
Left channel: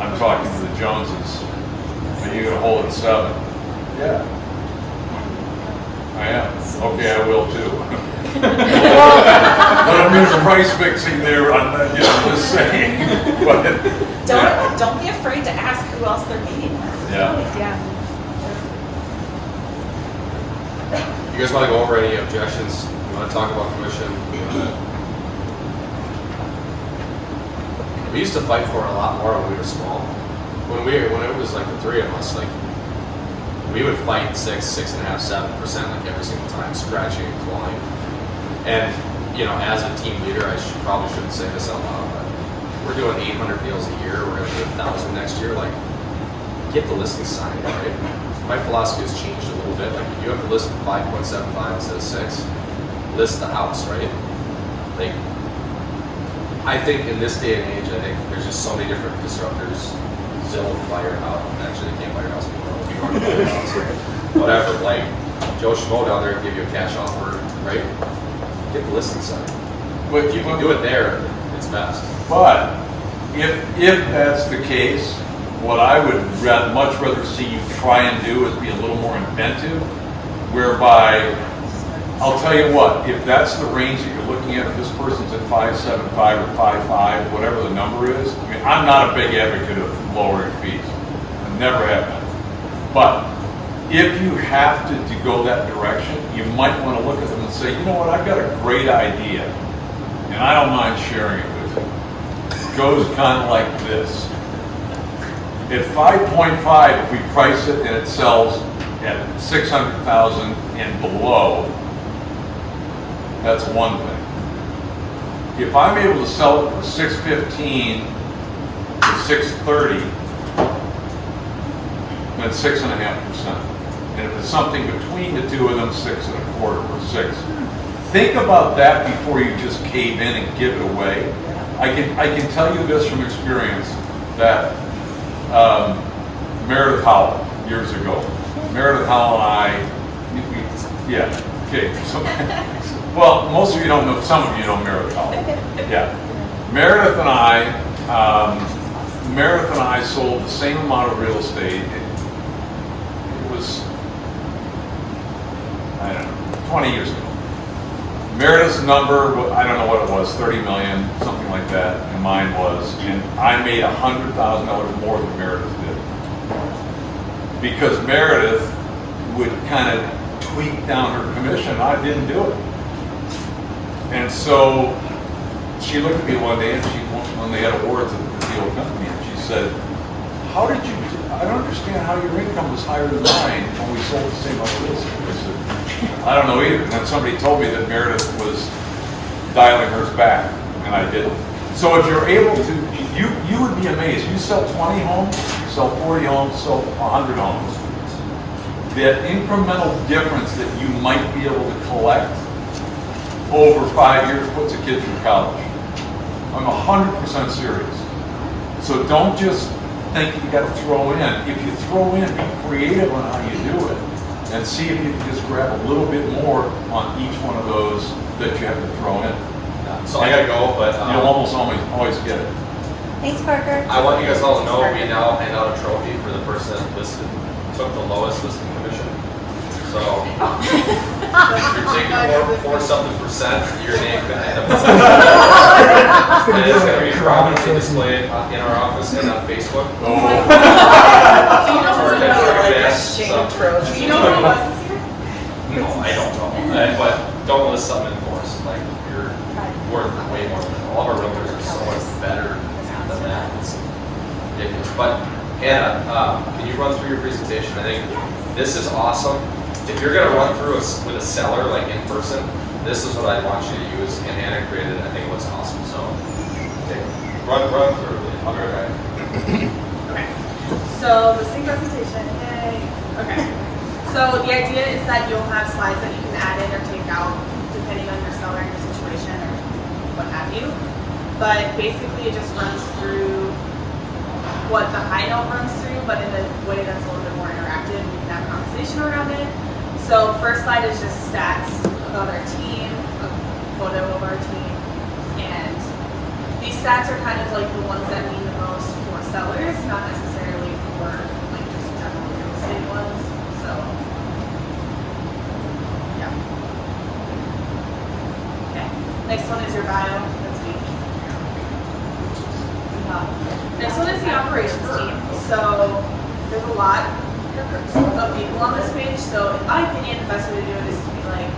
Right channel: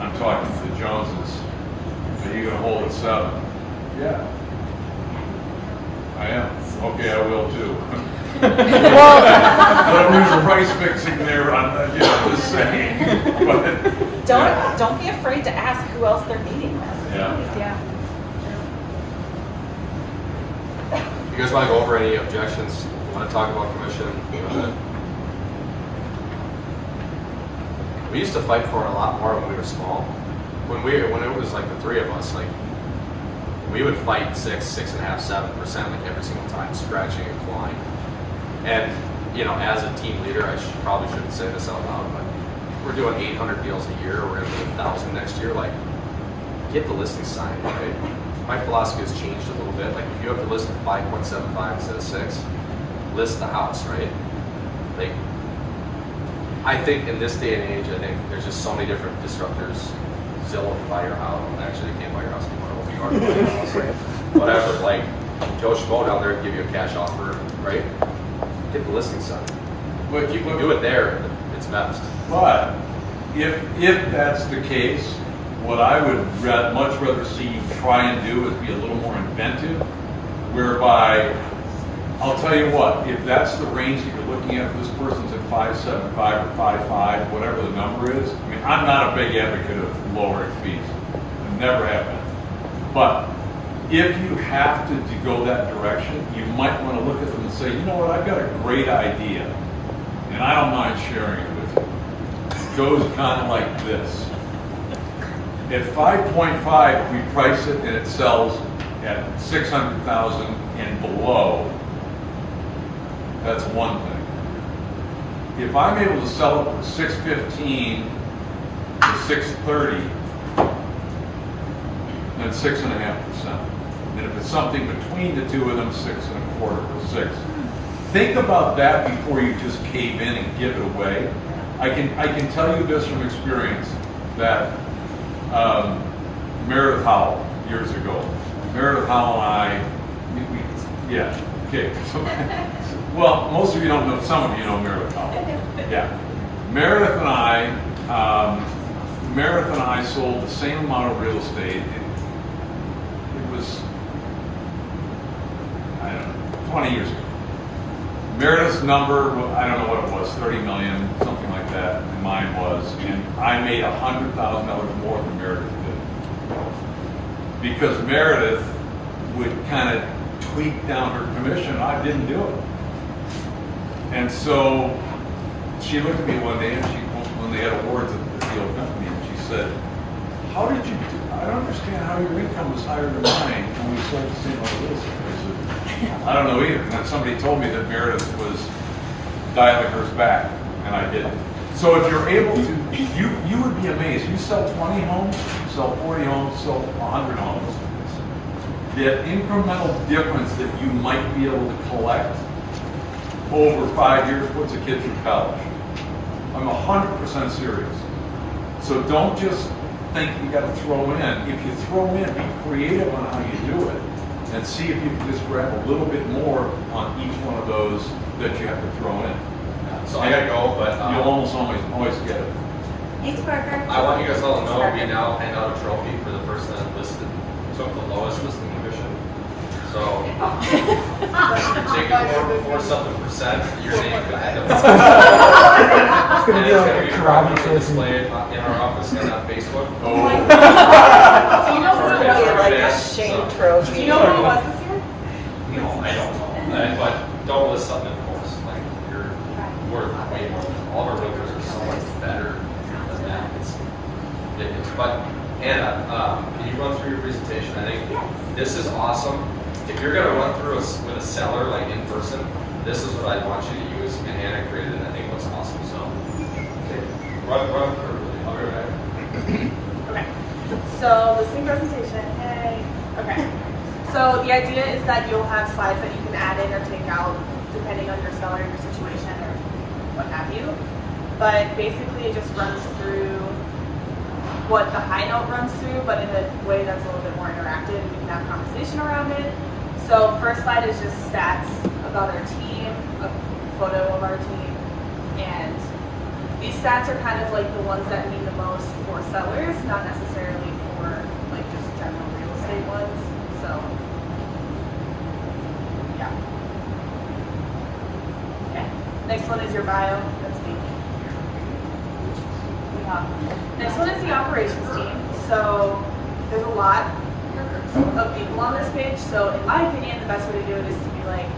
I'm talking to the Joneses, are you gonna hold at 7? Yeah. I am. Okay, I will too. But I'm doing price fixing there on that, just saying. But, Don't be afraid to ask who else they're meeting with. yeah. Yeah. You guys want to go over any objections? You want to talk about commission? We used to fight for it a lot more when we were small. When it was like the three of us, like we would fight 6.5%, 7% like every single time, scratching and clawing. And you know, as a team leader, I probably shouldn't say this out loud, but we're doing 800 deals a year. We're going to do 1,000 next year. Like, get the listing signed, right? My philosophy has changed a little bit. Like, if you have to list 5.75 instead of 6, list the house, right? Like, I think in this day and age, I think there's just so many different disruptors. Zillow can buy your house. Actually, they can't buy your house anymore. You know, buy your house, right? Whatever. Like, Joe Schmo down there will give you a cash offer, right? Get the listing signed. But if you can do it there, it's best. But if that's the case, what I would much rather see you try and do is be a little more inventive, whereby, I'll tell you what, if that's the range that you're looking at, if this person's at 5.75 or 5.5, whatever the number is, I mean, I'm not a big advocate of lowering fees. I never have been. But if you have to go that direction, you might want to look at them and say, you know what, I've got a great idea, and I don't mind sharing it with you. It goes kind of like this. At 5.5, if we price it and it sells at 600,000 and below, that's one thing. If I'm able to sell it for 615 to 630, that's 6.5%. And if it's something between the two of them, 6.25 or 6. Think about that before you just cave in and give it away. I can tell you this from experience that Meredith Howell years ago. Meredith Howell and well, most of you don't know, some of you know Meredith Howell. Yeah. Meredith and I sold the same amount of real estate. It was, I don't know, 20 years ago. Meredith's number, I don't know what it was, 30 million, something like that, and mine was, and I made $100,000 more than Meredith did. Because Meredith would kind of tweak down her commission, and I didn't do it. And so she looked at me one day, and when they had awards at the deal company, and she said, how did you do? I don't understand how your income was higher than mine when we sold the same amount of real estate. I said, I don't know either. And then somebody told me that Meredith was dialing hers back, and I didn't. So if you're able to, you would be amazed. You sell 20 homes, you sell 40 homes, sell 100 homes. The incremental difference that you might be able to collect over 5 years puts a kid through college. I'm 100% serious. So don't just think you got to throw in. If you throw in, be creative on how you do it, and see if you can just grab a little bit more on each one of those that you have to throw in. So I gotta go, but You'll almost always get it. Thanks, Parker. I want you guys all to know we now hand out a trophy for the person that took the lowest listing commission. So take it for something percent, your name can have it. It is going to be prominently displayed in our office and on Facebook. Do you know who it was? Shame trophy. Do you know who it was this year? No, I don't know. But don't list something in force. Like, you're worth way more than all of our realtors are so much better than that. It's ridiculous. But Hannah, can you run through your presentation? I think this is awesome. If you're going to run through with a seller, like in person, this is what I want you to use. And Hannah created it. I think it looks awesome. So, Run through it. Okay. Okay. So listing presentation. Yay. Okay. So the idea is that you'll have slides that you can add in or take out depending on your seller, your situation, or what have you. But basically, it just runs through what the high note runs through, but in a way that's a little bit more interactive. We can have conversation around it. So first slide is just stats about our team, a photo of our team, and these stats are kind of like the ones that mean the most for sellers, not necessarily for like just general real estate ones. So yeah. Okay. Next one is your bio. That's me. Next one is the operations team. So there's a lot of people on this page. So in my opinion, the best way to do it is to be like,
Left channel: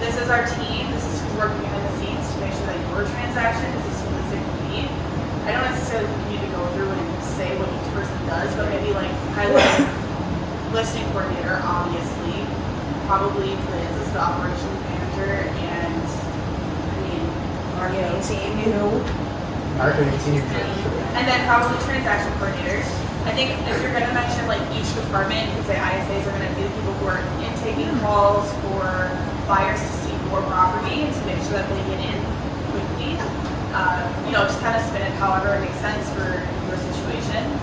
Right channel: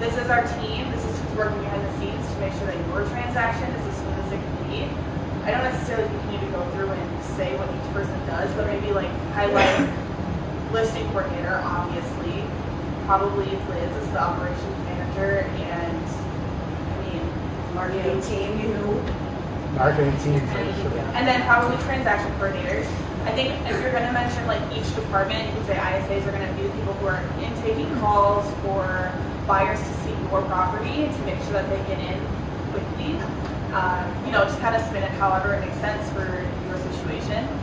this is our team, this is who's working behind the scenes to make sure that your transaction is as smooth as it can be. I don't necessarily think you need to go through and say what each person does, but maybe like highlight listing coordinator, obviously. Probably Liz is the operations manager, and I mean, Marketing team, you. Marketing team. and then probably transaction coordinators. I think if you're going to mention like each department, you could say ISAs are going to be the people who are taking calls for buyers to see more property and to make sure that they get in quickly. You know, just kind of spin it however it makes sense for your situation.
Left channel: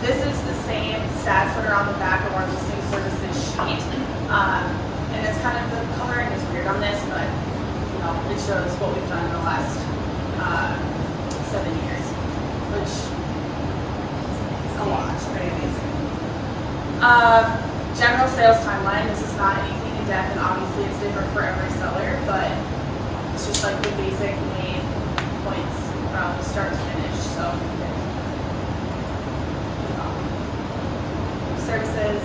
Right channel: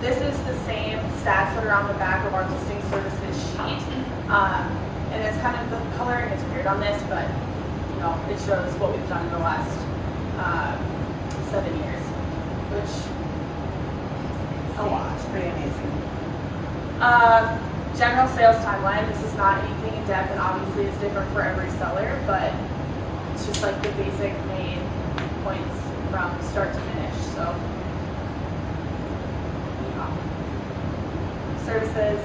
This is the same stats that are on the back of our listing services sheet. And it's kind of, the coloring is weird on this, but you know, it shows what we've done in the last 7 years, which is a lot. It's pretty amazing. General sales timeline. This is not anything in depth, and obviously it's different for every seller, but it's just like the basic main points from start to finish. So, services.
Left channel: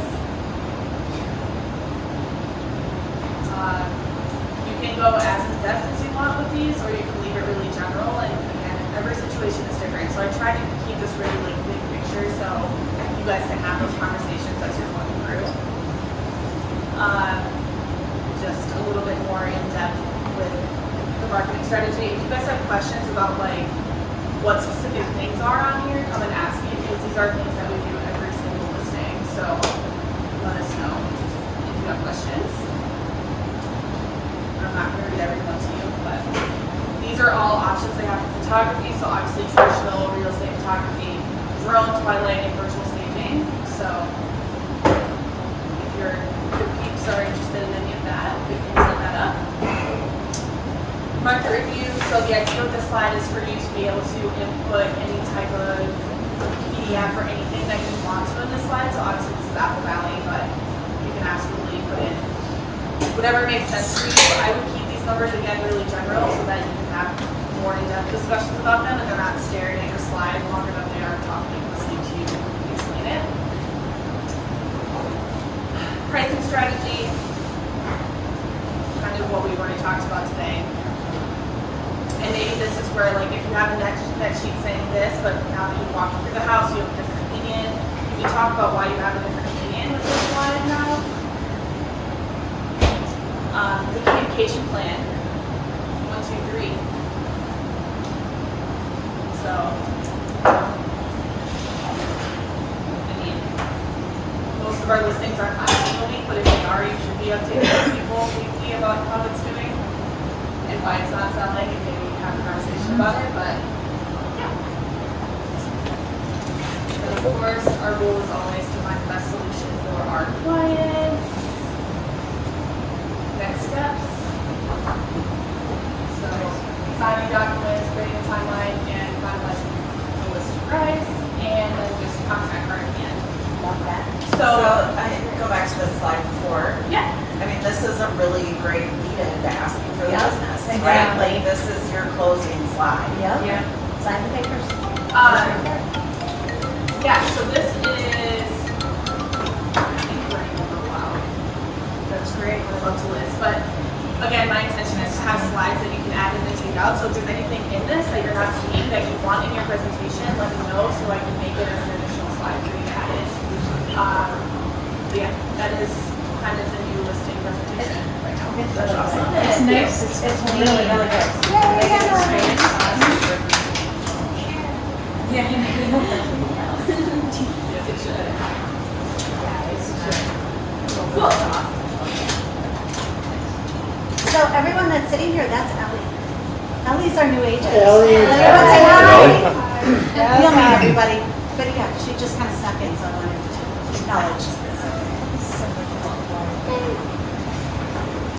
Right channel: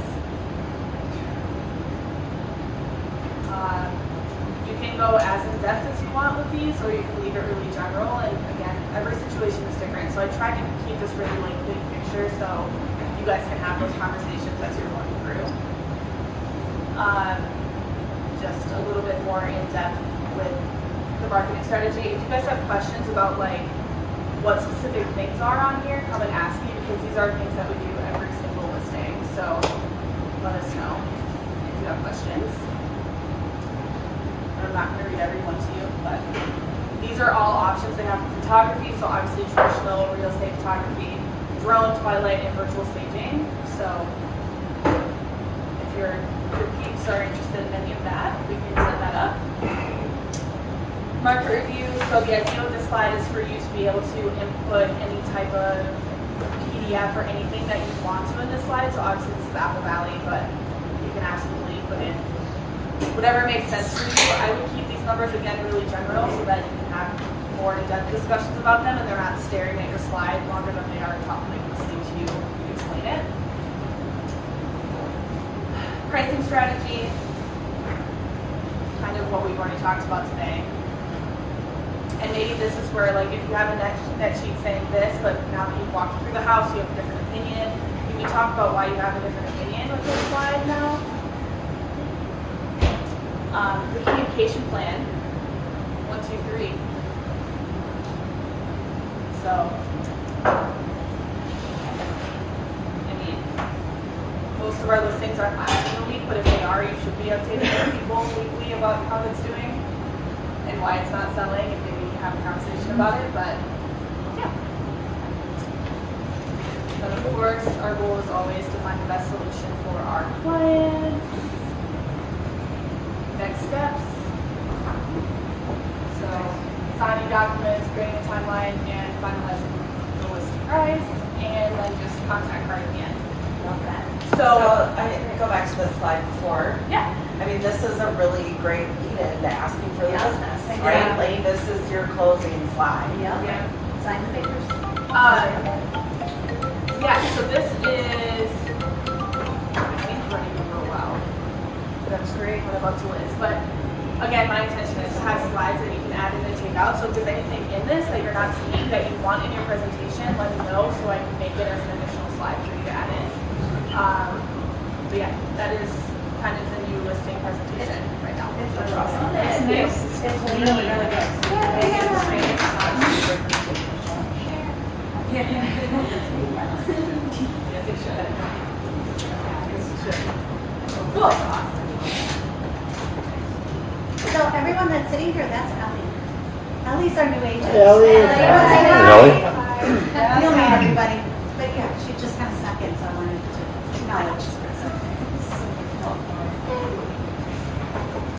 You can go as in depth as you want with these, or you can leave it really general. And again, every situation is different. So I try to keep this really like big picture, so you guys can have those conversations as you're going through. Just a little bit more in depth with the marketing strategy. If you guys have questions about like what specific things are on here, come and ask me, because these are things that we do every single listing. So let us know if you have questions. I'm not going to read every one to you, but these are all options that have photography. So obviously traditional real estate photography, drone, twilight, and virtual staging. So if your peeps are interested in any of that, we can set that up. Market review. So the idea of the slide is for you to be able to input any type of PDF or anything that you want to in this slide. So obviously this is Apple Valley, but you can absolutely put in whatever makes sense for you. I would keep these numbers again really general so that you can have more in-depth discussions about them and they're not staring at your slide longer than they are talking, listening to you explain it. Pricing strategy, kind of what we've already talked about today. And maybe this is where, like, if you have a next sheet saying this, but now that you've walked through the house, you have a different opinion, you can talk about why you have a different opinion with this slide now. The communication plan, 1, 2, 3. So, I mean, most of our listings aren't constantly unique, but if they are, you should be updating people weekly about how it's doing and why it's not selling, and maybe have a conversation about it, but yeah. And of course, our goal is always to find the best solution for our clients. Next steps. So, signing documents, creating a timeline, and finalizing the list price, and then just contact her at the end. Love that. So I go back to the slide before. Yeah. I mean, this is a really great lead-in to ask you for the Yeah, business, right? exactly. Like, this is your closing slide. Yep. Yeah. Sign the papers. Yeah, so this is, I think we're in for a while. That's great, we're about to list. But again, my intention is to have slides that you can add in and take out. So if there's anything in this that you're not seeing that you want in your presentation, let me know so I can make it as an additional slide for you to add in. But yeah, that is kind of the new listing presentation right now. That's awesome. It's nice, it's really, really good. Yeah, yeah, yeah. Yes, it should. Cool. So everyone that's sitting here, that's Ellie. Ellie's our new agent. Ellie. Everyone say hi. Hello. You'll meet everybody. But yeah, she just kind of snuck in, so I wanted to acknowledge.